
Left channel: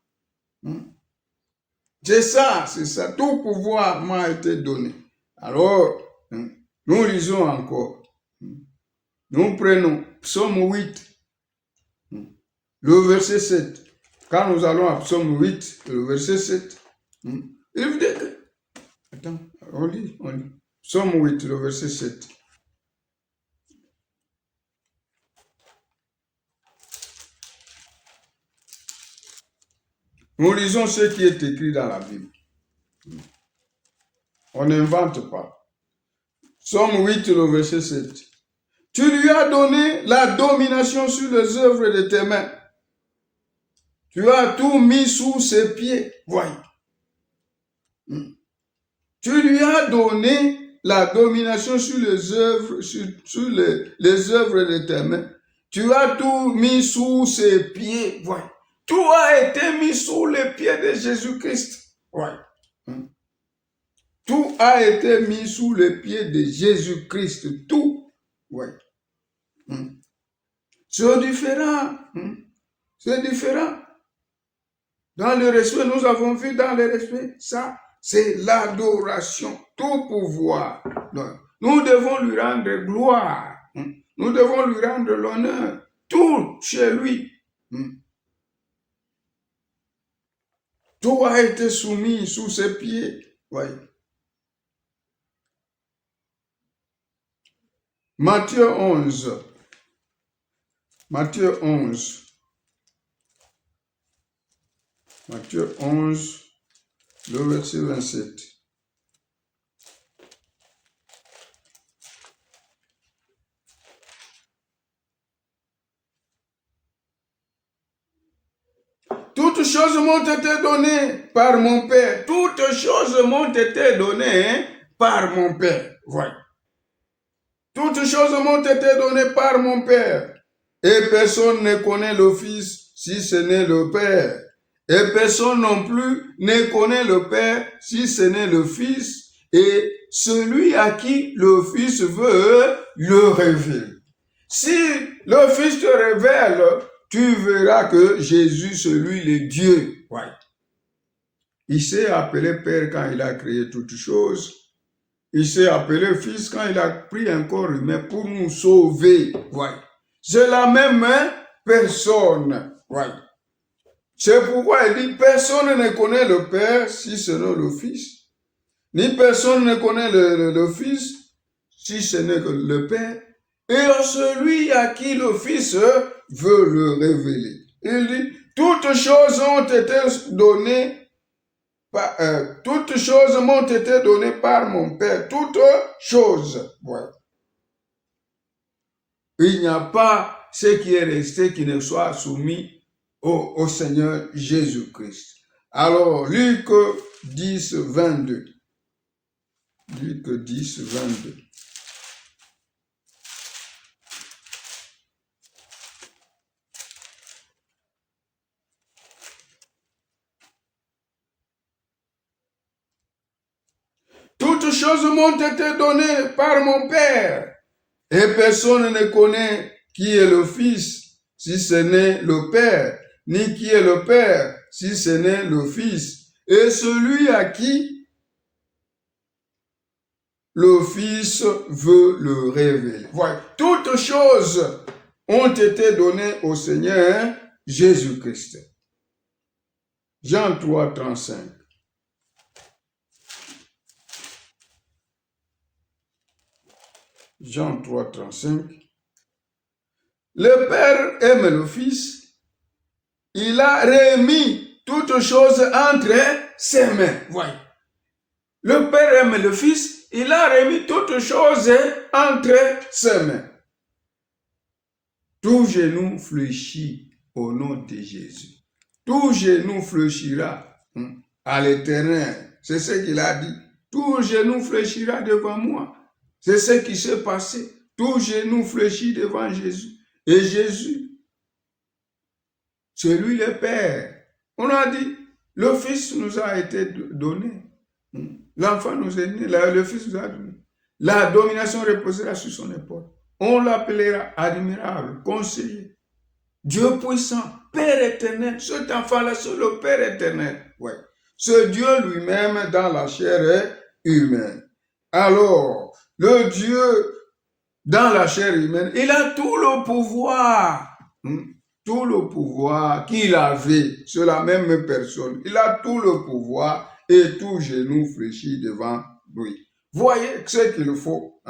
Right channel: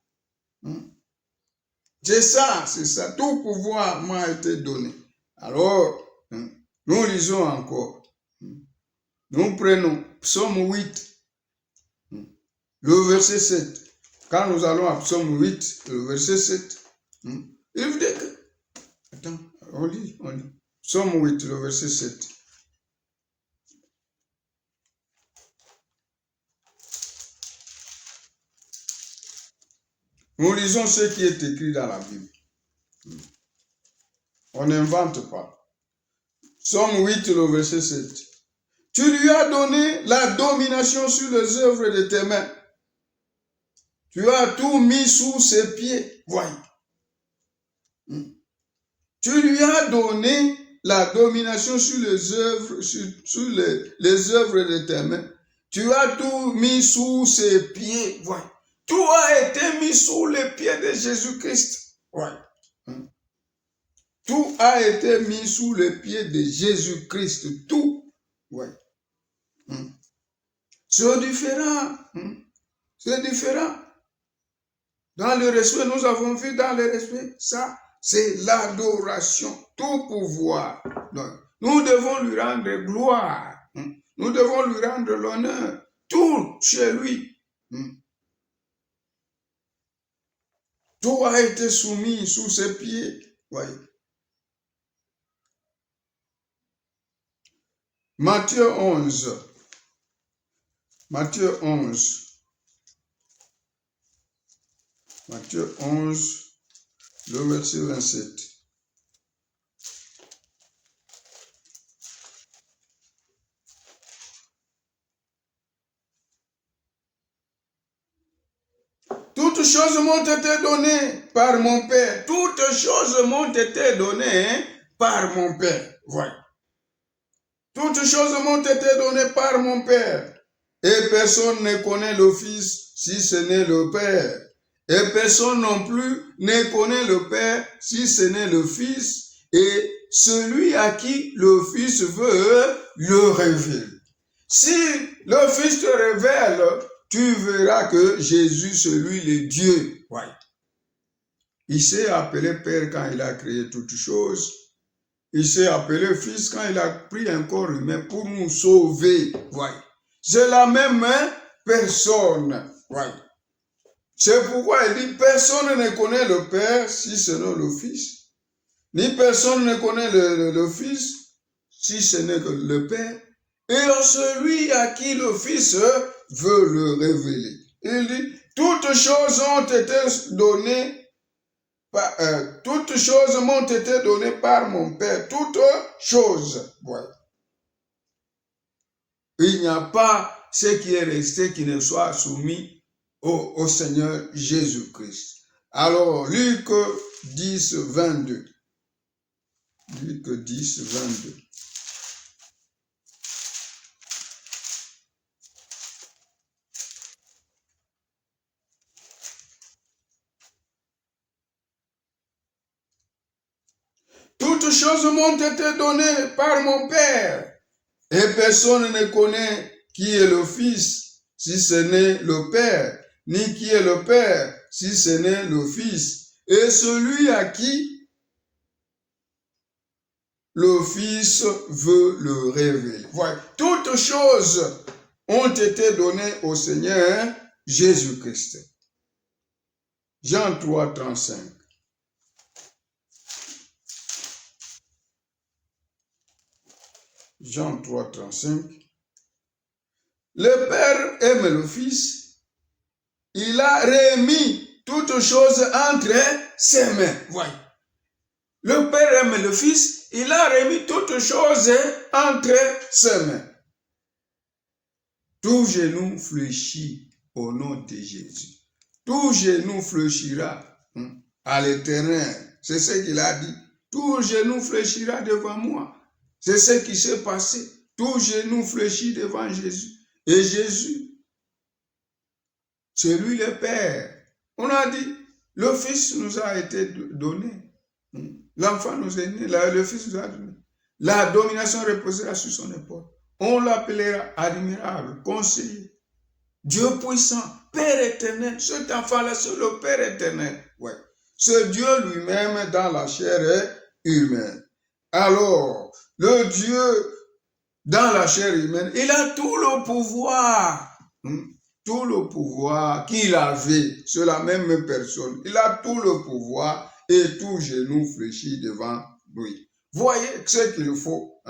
C'est ça. Tout pouvoir m'a été donné. Alors, nous lisons encore. Nous prenons Psaume 8, le verset 7. Quand nous allons à Psaume 8, le verset 7, attends, on lit. Psaume 8, le verset 7. Nous lisons ce qui est écrit dans la Bible. On n'invente pas. Somme 8, le verset 7. Tu lui as donné la domination sur les œuvres de tes mains. Tu as tout mis sous ses pieds. Voyez. Tu lui as donné la domination sur les œuvres, sur les œuvres de tes mains. Tu as tout mis sous ses pieds. Voyez. Tout a été mis sous les pieds de Jésus-Christ. Voyez. Tout a été mis sous les pieds de Jésus-Christ. Tout. Ouais. C'est différent. C'est différent. Dans le respect, nous avons vu dans le respect, ça, c'est l'adoration, tout pouvoir. Donc, nous devons lui rendre gloire. Nous devons lui rendre l'honneur. Tout chez lui. Tout a été soumis sous ses pieds. Voyez. Matthieu 11. Matthieu 11. Matthieu 11, le verset 27. Toutes choses m'ont été données par mon Père. Toutes choses m'ont été données par mon Père. Voilà. Toutes choses m'ont été données par mon Père. Et personne ne connaît le Fils si ce n'est le Père. Et personne non plus ne connaît le Père si ce n'est le Fils. Et celui à qui le Fils veut le révéler. Si le Fils te révèle, tu verras que Jésus, c'est lui le Dieu. Ouais. Il s'est appelé Père quand il a créé toutes choses. Il s'est appelé Fils quand il a pris un corps humain pour nous sauver. Ouais. C'est la même personne. Ouais. C'est pourquoi il dit, personne ne connaît le Père si ce n'est le Fils. Ni personne ne connaît le Fils si ce n'est que le Père. Et celui à qui le Fils veut le révéler. Il dit, toutes choses ont été données, toutes choses m'ont été données par mon Père. Toutes choses. Ouais. Il n'y a pas ce qui est resté qui ne soit soumis au Seigneur Jésus-Christ. Alors, Luc 10, 22. Luc 10, 22. Toutes choses m'ont été données par mon Père. Et personne ne connaît qui est le Fils, si ce n'est le Père, ni qui est le Père, si ce n'est le Fils. Et celui à qui le Fils veut le révéler. Voilà. Toutes choses ont été données au Seigneur Jésus-Christ. Jean 3, 35. Jean 3, 35. Le Père aime le Fils. Il a remis toutes choses entre ses mains. Voyez. Le Père aime le Fils. Il a remis toutes choses entre ses mains. Tout genou fléchit au nom de Jésus. Tout genou fléchira à l'Éternel. C'est ce qu'il a dit. Tout genou fléchira devant moi. C'est ce qui s'est passé. Tout genou fléchit devant Jésus. Et Jésus, c'est lui le Père. On a dit, le Fils nous a été donné. L'enfant nous est né, le Fils nous a donné. La domination reposera sur son épaule. On l'appellera admirable, conseiller, Dieu puissant, Père éternel. Cet enfant-là, c'est le Père éternel. Ouais. C'est Dieu lui-même dans la chair humaine. Alors, le Dieu dans la chair humaine, il a tout le pouvoir. Tout le pouvoir qu'il avait sur la même personne. Il a tout le pouvoir et tout genou fléchit devant lui. Voyez ce qu'il faut.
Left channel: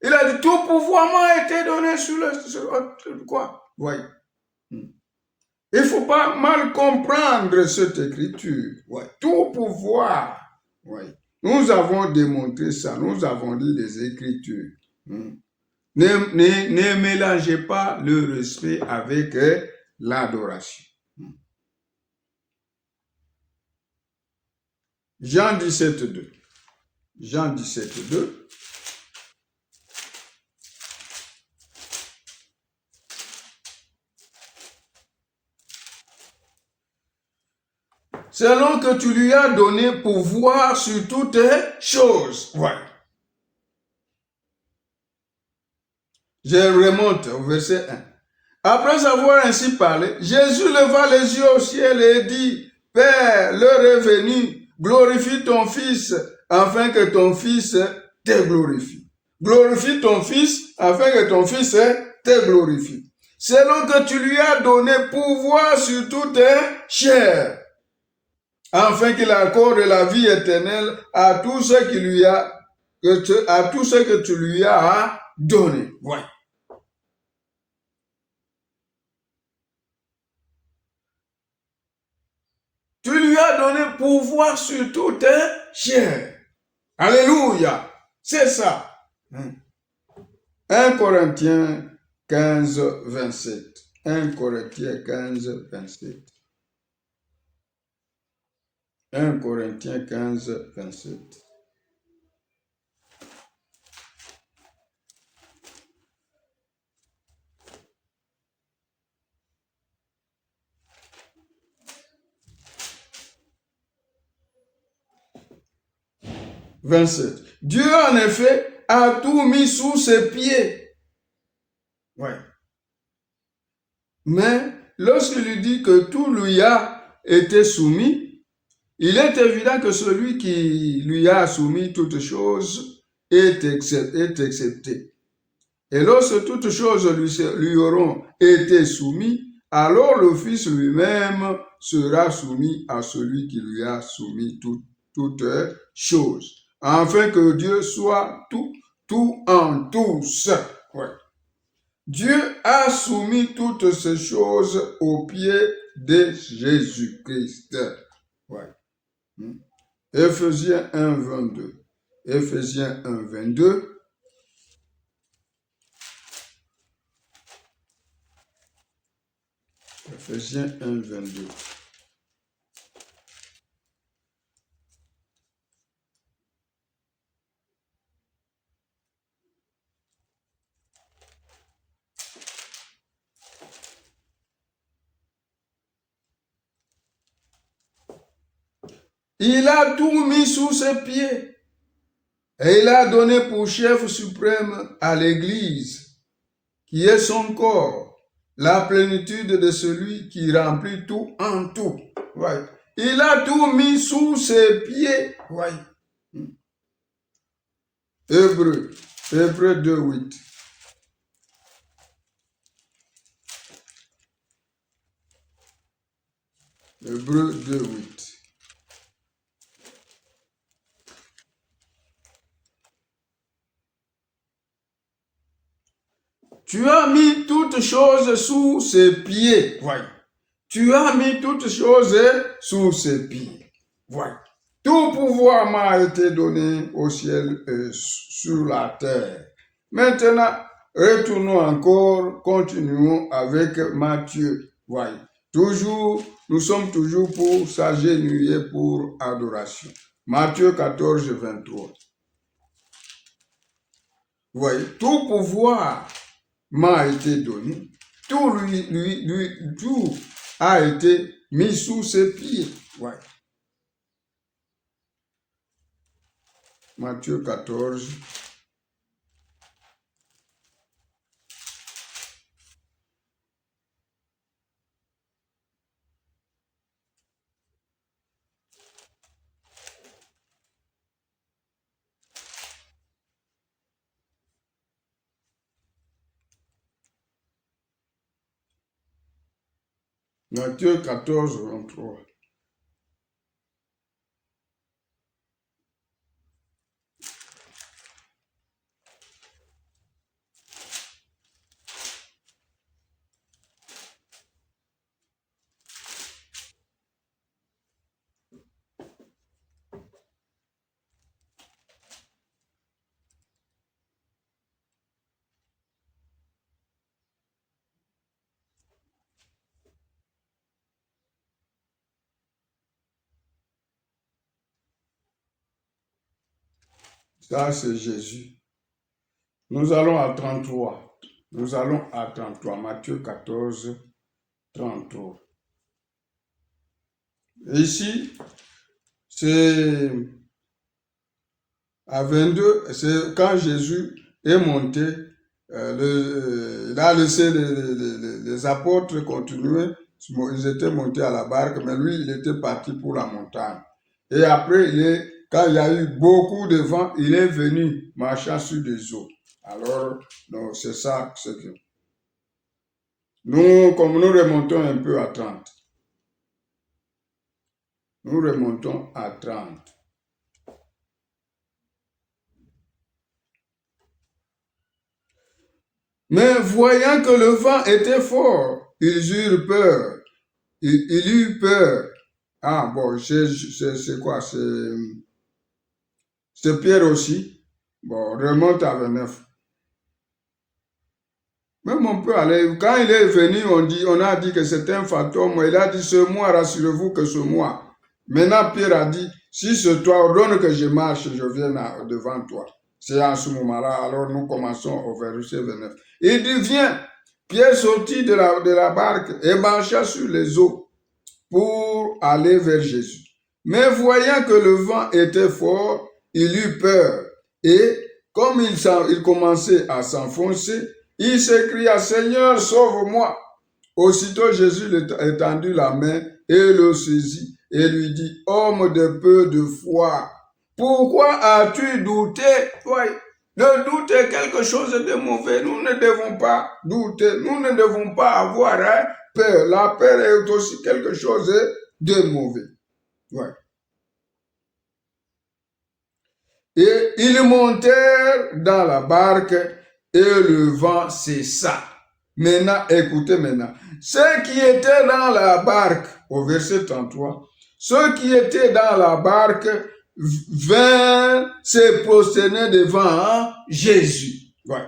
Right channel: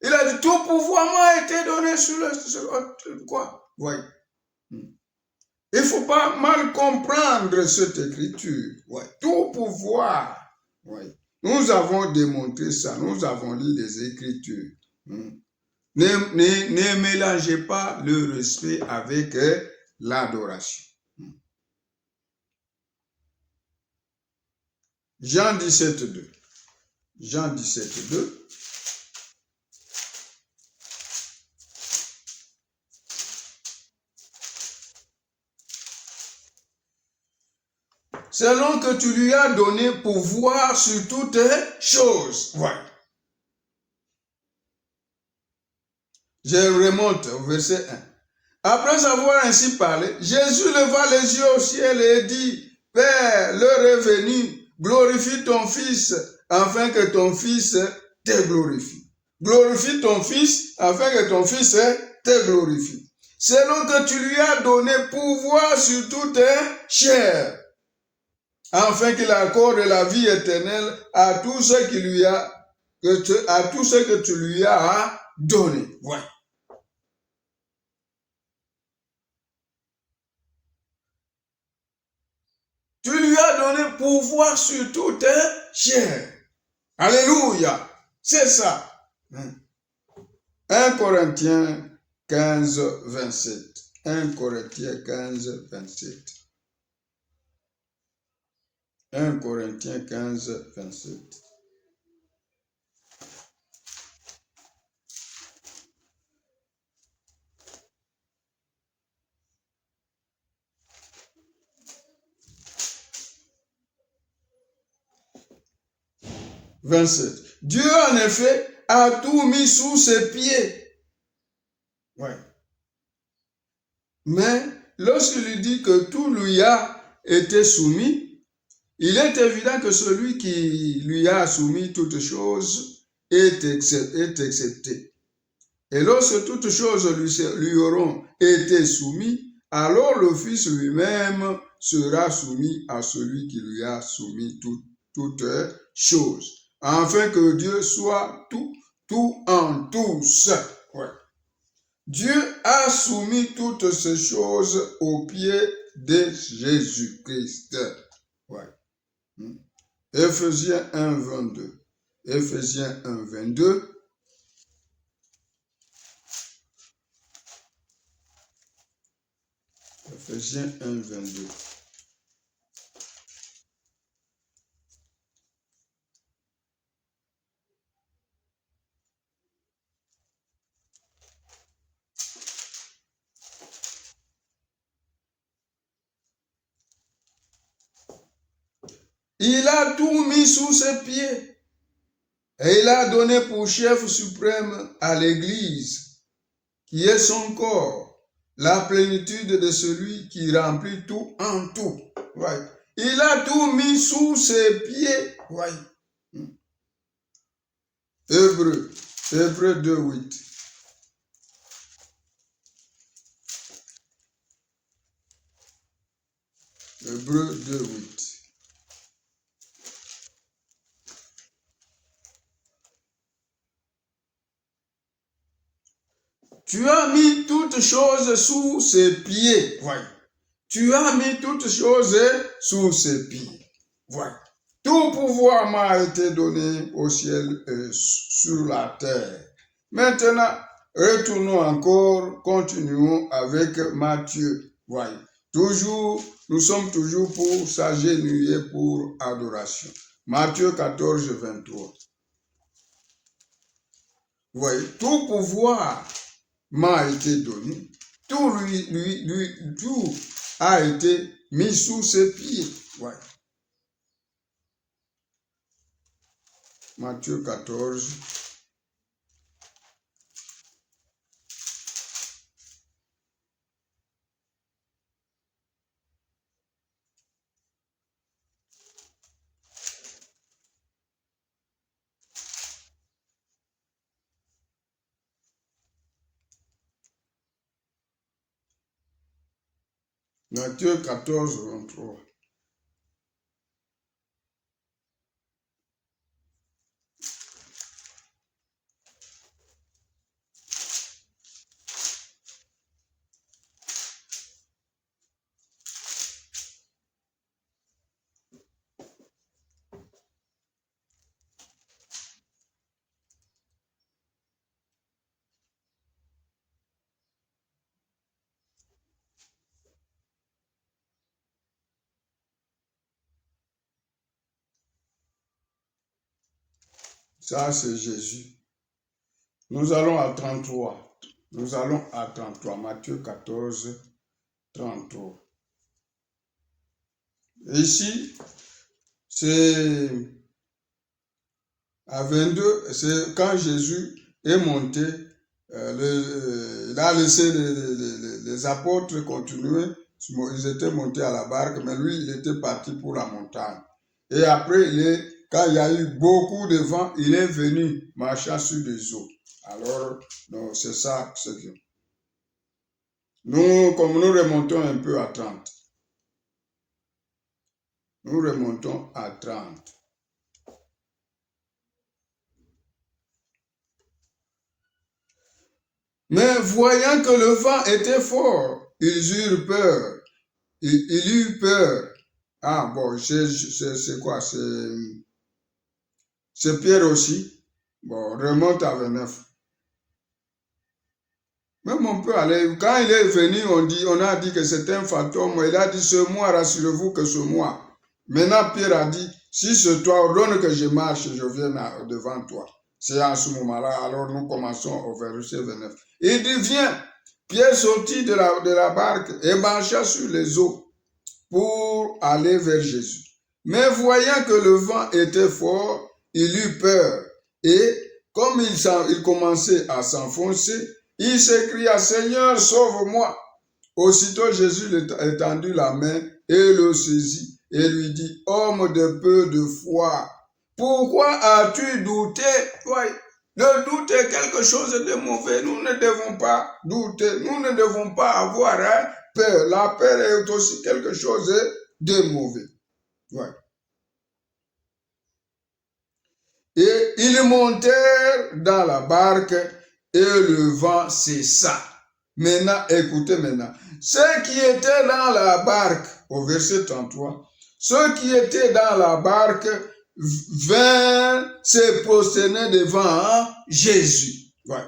Il a dit, tout pouvoir m'a été donné sur quoi? Voyez. Il ne faut pas mal comprendre cette écriture. Ouais. Tout pouvoir. Ouais. Nous avons démontré ça. Nous avons lu les écritures. Ne mélangez pas le respect avec l'adoration. Jean 17, 2. Jean 17, 2. Selon que tu lui as donné pouvoir sur toutes choses. Ouais. Je remonte au verset 1. Après avoir ainsi parlé, Jésus leva les yeux au ciel et dit, Père, l'heure est venue, glorifie ton Fils, afin que ton Fils te glorifie. Glorifie ton Fils, afin que ton Fils te glorifie. Selon que tu lui as donné pouvoir sur toute chair, afin qu'il accorde la vie éternelle à tout ce que tu lui as donné. Ouais. Tu lui as donné pouvoir sur toute chair. Alléluia. C'est ça. 1 Corinthiens 15, 27. 1 Corinthiens 15, 27. 1 Corinthiens 15, 27. Dieu, en effet, a tout mis sous ses pieds. Ouais. Mais lorsqu'il dit que tout lui a été soumis, il est évident que celui qui lui a soumis toutes choses est accepté. Et lorsque toutes choses lui auront été soumises, alors le Fils lui-même sera soumis à celui qui lui a soumis toutes choses, afin que Dieu soit tout en tous. Ouais. Dieu a soumis toutes ces choses aux pieds de Jésus-Christ. Ouais. Éphésiens 1, 22. Éphésiens 1, 22. Éphésiens 1, 22. Il a tout mis sous ses pieds. Et il a donné pour chef suprême à l'Église, qui est son corps, la plénitude de celui qui remplit tout en tout. Ouais. Il a tout mis sous ses pieds. Ouais. Hébreux 2, 8. Hébreux 2, 8. Tu as mis toutes choses sous ses pieds. Ouais. Tu as mis toutes choses sous ses pieds. Voilà. Tout pouvoir m'a été donné au ciel et sur la terre. Maintenant, retournons encore, continuons avec Matthieu. Voilà. Nous sommes toujours pour s'agenouiller pour adoration. Matthieu 14, 23. Voyez, tout pouvoir m'a été donné. Tout a été mis sous ses pieds. Ouais. Matthieu 14. Matthieu 14, 23. Ça, c'est Jésus. Nous allons à 33. Nous allons à 33. Matthieu 14, 33. Ici, c'est à 22, c'est quand Jésus est monté, il a laissé les apôtres continuer, ils étaient montés à la barque, mais lui, il était parti pour la montagne. Et après, quand il y a eu beaucoup de vent, il est venu marchant sur des eaux. Alors, c'est ça ce que... Nous, comme nous remontons un peu à 30. Nous remontons à 30. Mais voyant que le vent était fort, ils eurent peur. Il eut peur. Ah bon, c'est quoi? C'est Pierre aussi. Bon, remonte à 29. Même on peut aller, quand il est venu, on a dit que c'est un fantôme. Il a dit, c'est moi, rassurez-vous que c'est moi. Maintenant, Pierre a dit, si c'est toi, ordonne que je marche, je vienne devant toi. C'est à ce moment-là, alors nous commençons au verset 29. Il dit, viens. Pierre sortit de la barque et marcha sur les eaux pour aller vers Jésus. Mais voyant que le vent était fort, il eut peur. Et comme il commençait à s'enfoncer, il s'écria, Seigneur, sauve-moi. Aussitôt Jésus étendit la main et le saisit et lui dit, homme de peu de foi, pourquoi as-tu douté? Ouais. Le doute est quelque chose de mauvais. Nous ne devons pas douter. Nous ne devons pas avoir peur. La peur est aussi quelque chose de mauvais. Ouais. Et ils montèrent dans la barque et le vent cessa. Maintenant, écoutez maintenant. Ceux qui étaient dans la barque, au verset 33, ceux qui étaient dans la barque vinrent se prosterner devant Jésus. Ouais.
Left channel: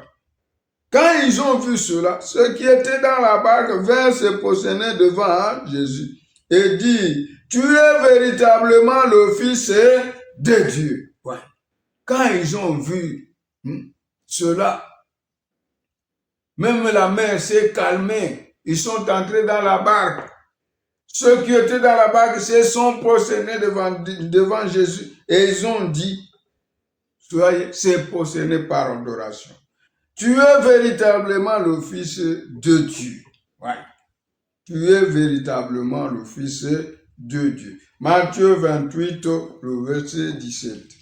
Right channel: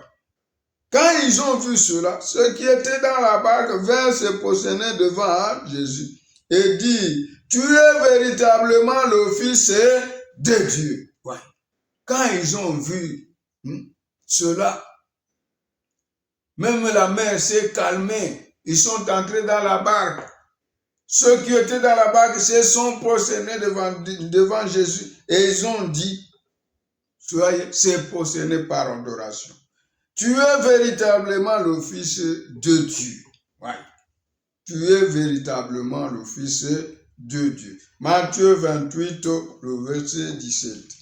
Quand ils ont vu cela, ceux qui étaient dans la barque vinrent se prosterner devant Jésus et dirent, tu es véritablement le Fils de Dieu. Ouais. Quand ils ont vu cela, même la mer s'est calmée. Ils sont entrés dans la barque. Ceux qui étaient dans la barque se sont prosternés devant Jésus et ils ont dit, soyez, s'est prosterné par adoration. Tu es véritablement le Fils de Dieu. Ouais. Tu es véritablement le Fils de Dieu. Matthieu 28, le verset 17.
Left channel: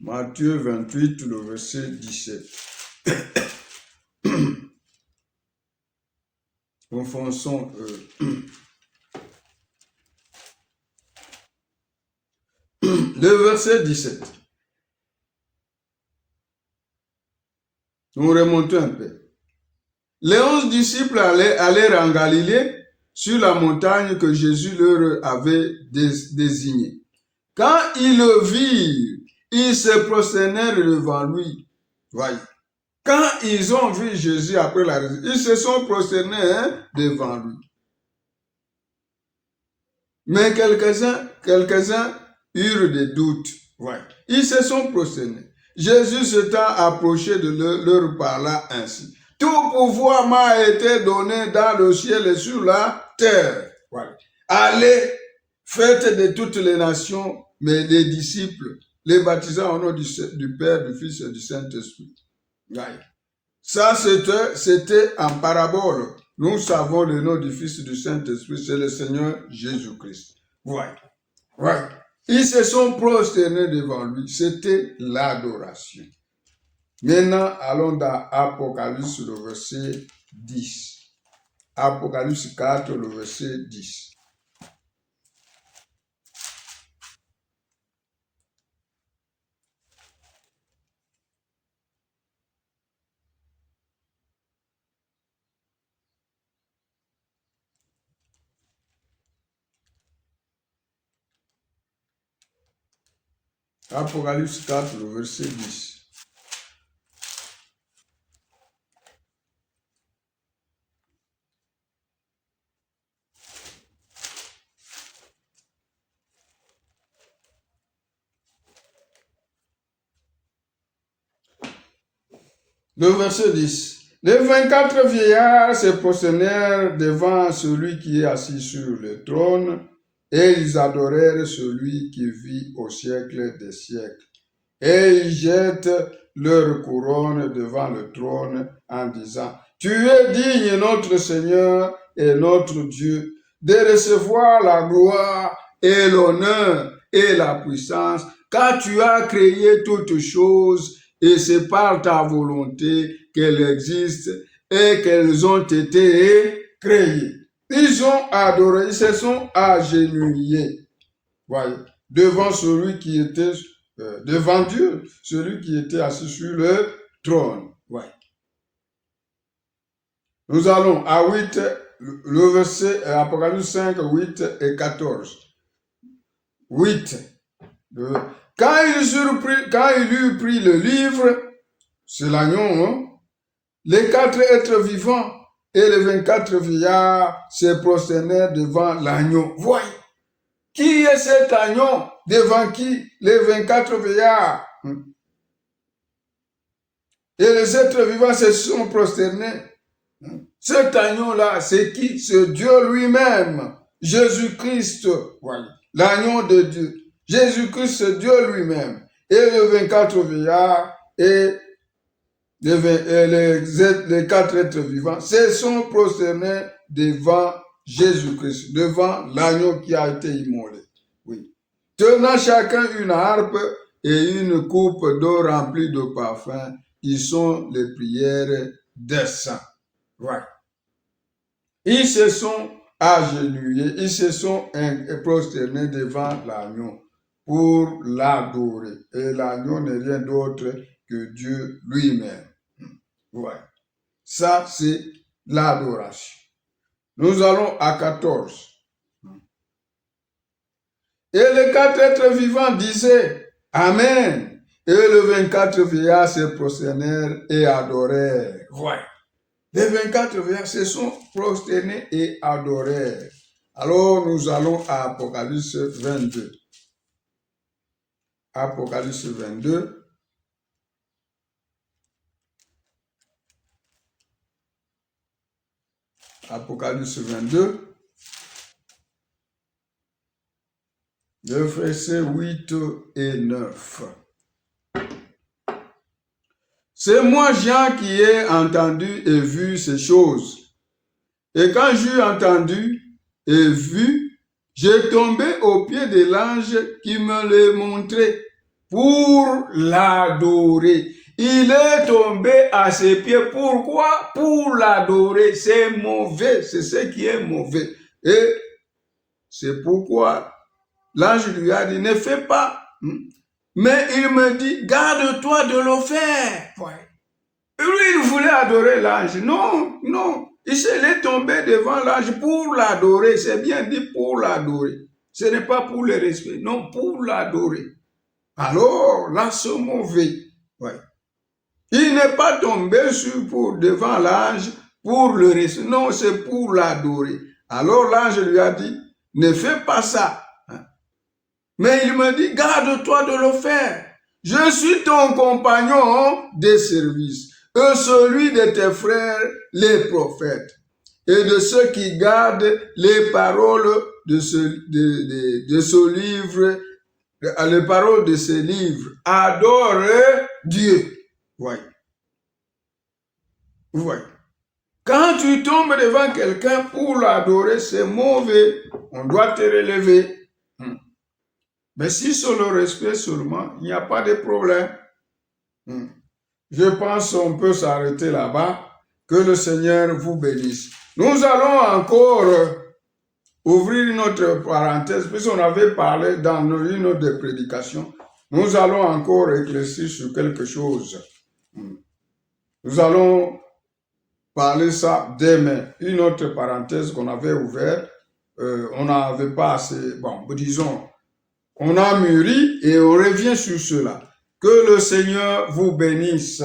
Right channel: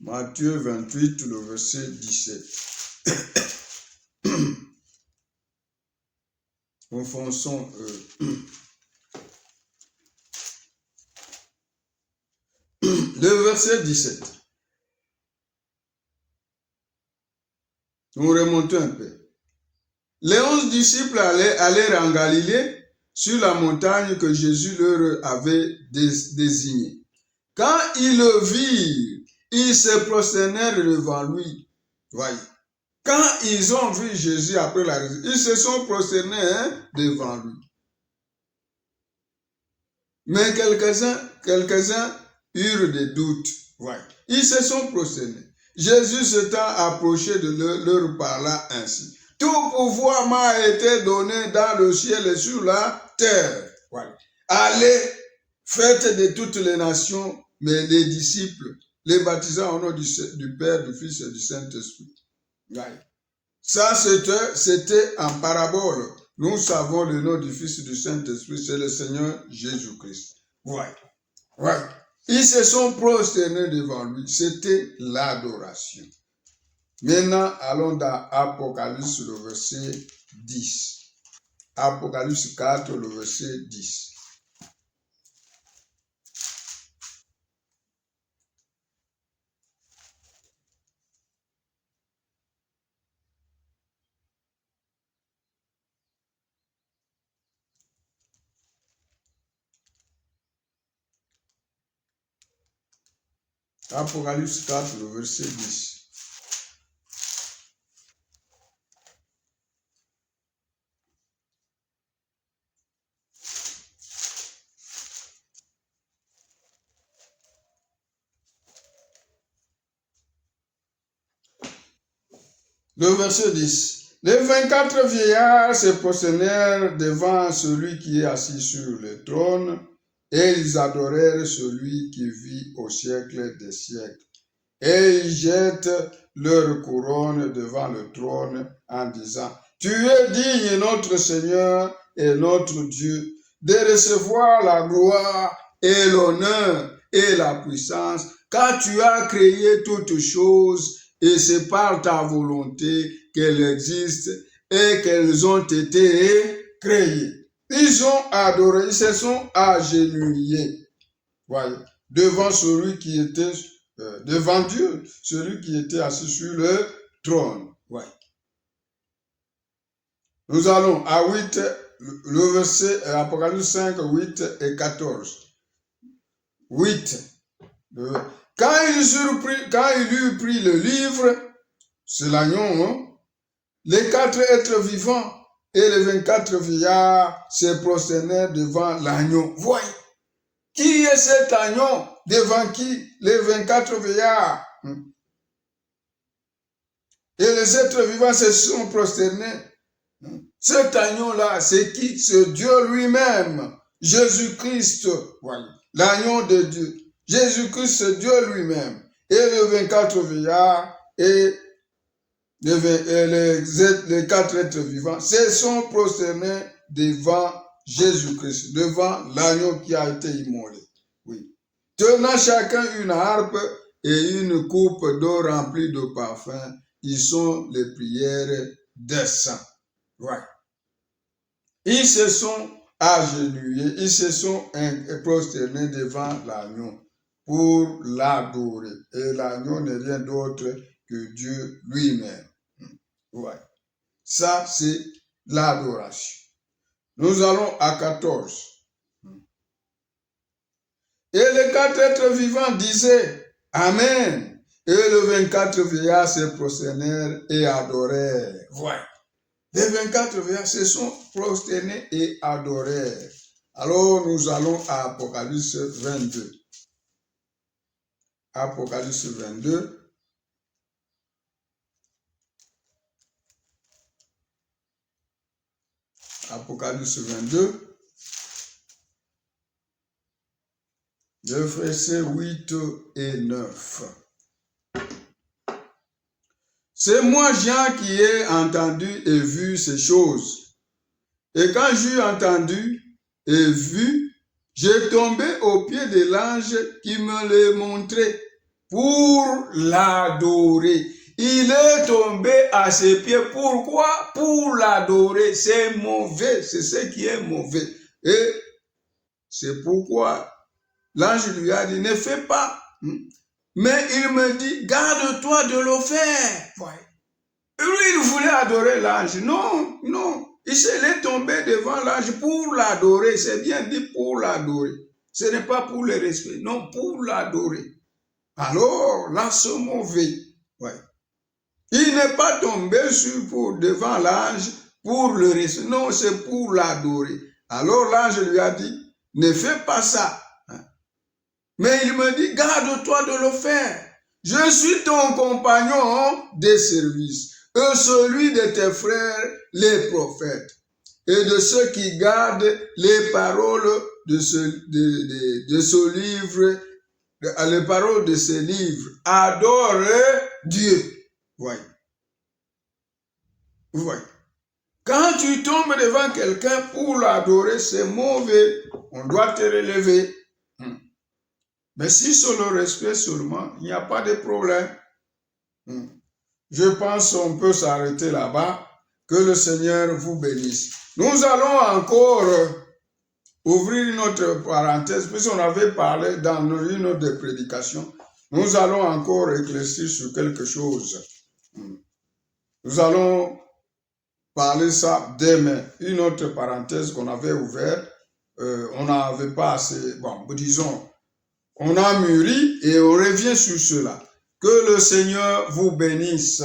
Matthieu 28, le verset 17. Enfonçons. Le verset 17. Nous remontons un peu. Les 11 disciples allèrent en Galilée sur la montagne que Jésus leur avait désignée. Quand ils le virent, ils se prosternèrent devant lui. Voyez. Quand ils ont vu Jésus après la résurrection, ils se sont prosternés devant lui. Mais quelques-uns eurent des doutes. Ouais. Ils se sont prosternés. Jésus s'étant approché de leur parla ainsi. Tout pouvoir m'a été donné dans le ciel et sur la terre. Ouais. Allez, faites de toutes les nations, mais les disciples, les baptisant au nom du Père, du Fils et du Saint-Esprit. Ouais. Ça, c'était en parabole. Nous savons le nom du Fils et du Saint-Esprit, c'est le Seigneur Jésus-Christ. Ouais. Ouais. Ils se sont prosternés devant lui. C'était l'adoration. Maintenant, allons dans Apocalypse, le verset 10. Apocalypse 4, le verset 10. Apocalypse 4, le verset 10. Le verset 10. Les 24 vieillards se prosternèrent devant celui qui est assis sur le trône, et ils adorèrent celui qui vit au siècle des siècles. Et ils jettent leur couronne devant le trône en disant, « Tu es digne, notre Seigneur et notre Dieu, de recevoir la gloire et l'honneur et la puissance, car tu as créé toutes choses, et c'est par ta volonté qu'elles existent et qu'elles ont été créées. » Ils ont adoré, ils se sont agenouillés, voyez, devant celui qui était, devant Dieu, celui qui était assis sur le trône. Ouais. Nous allons à 8, le verset Apocalypse 5, 8 et 14. 8. Quand il eut pris le livre, c'est l'agneau, hein, les 4 êtres vivants et les 24 vieillards se prosternèrent devant l'agneau. Voyez, qui est cet agneau devant qui les 24 vieillards et les êtres vivants se sont prosternés? Cet agneau-là, c'est qui? C'est Dieu lui-même, Jésus-Christ, voilà, l'agneau de Dieu. Jésus-Christ, c'est Dieu lui-même. Et les 24 vieillards et les 4 êtres vivants se sont prosternés devant Jésus-Christ, devant l'agneau qui a été immolé. Oui. Tenant chacun une harpe et une coupe d'eau remplie de parfum, ils sont les prières des saints. Ouais. Ils se sont agenouillés, ils se sont prosternés devant l'agneau pour l'adorer. Et l'agneau n'est rien d'autre que Dieu lui-même. Ouais. Ça, c'est l'adoration. Nous allons à 14. Et les 4 êtres vivants disaient Amen. Et les 24 vieillards se prosternèrent et adorèrent. Ouais. Les 24 vieillards se sont prosternés et adorèrent. Alors nous allons à Apocalypse 22. Apocalypse 22. Apocalypse 22. Le verset 8 et 9. C'est moi, Jean, qui ai entendu et vu ces choses. Et quand j'eus entendu et vu, j'ai tombé aux pieds de l'ange qui me les montrait pour l'adorer. Il est tombé à ses pieds. Pourquoi? Pour l'adorer. C'est mauvais. C'est ce qui est mauvais. Et c'est pourquoi l'ange lui a dit, ne fais pas. Mais il me dit, garde-toi de le faire. Ouais. Lui, il voulait adorer l'ange. Non, non. Il est tombé devant l'ange pour l'adorer. C'est bien dit pour l'adorer. Ce n'est pas pour le respect. Non, pour l'adorer. Alors, là, c'est mauvais. Ouais. Il n'est pas tombé devant l'ange pour le respect. Non, c'est pour l'adorer. Alors, l'ange lui a dit, ne fais pas ça. Mais il me dit, garde-toi de le faire. Je suis ton compagnon de service, et celui de tes frères, les prophètes, et de ceux qui gardent les paroles de ce livre, les paroles de ce livre. Adore Dieu. Voyez. Voyez. Quand tu tombes devant quelqu'un pour l'adorer, c'est mauvais. On doit te relever. Mais si c'est le respect seulement, il n'y a pas de problème. Je pense qu'on peut s'arrêter là-bas. Que le Seigneur vous bénisse. Nous allons encore ouvrir notre parenthèse, puisqu'on avait parlé dans une autre prédication. Nous allons encore éclaircir sur quelque chose. Nous allons parler ça demain. Une autre parenthèse qu'on avait ouverte, on n'avait pas assez, bon, disons, on a mûri et on revient sur cela. Que le Seigneur vous bénisse.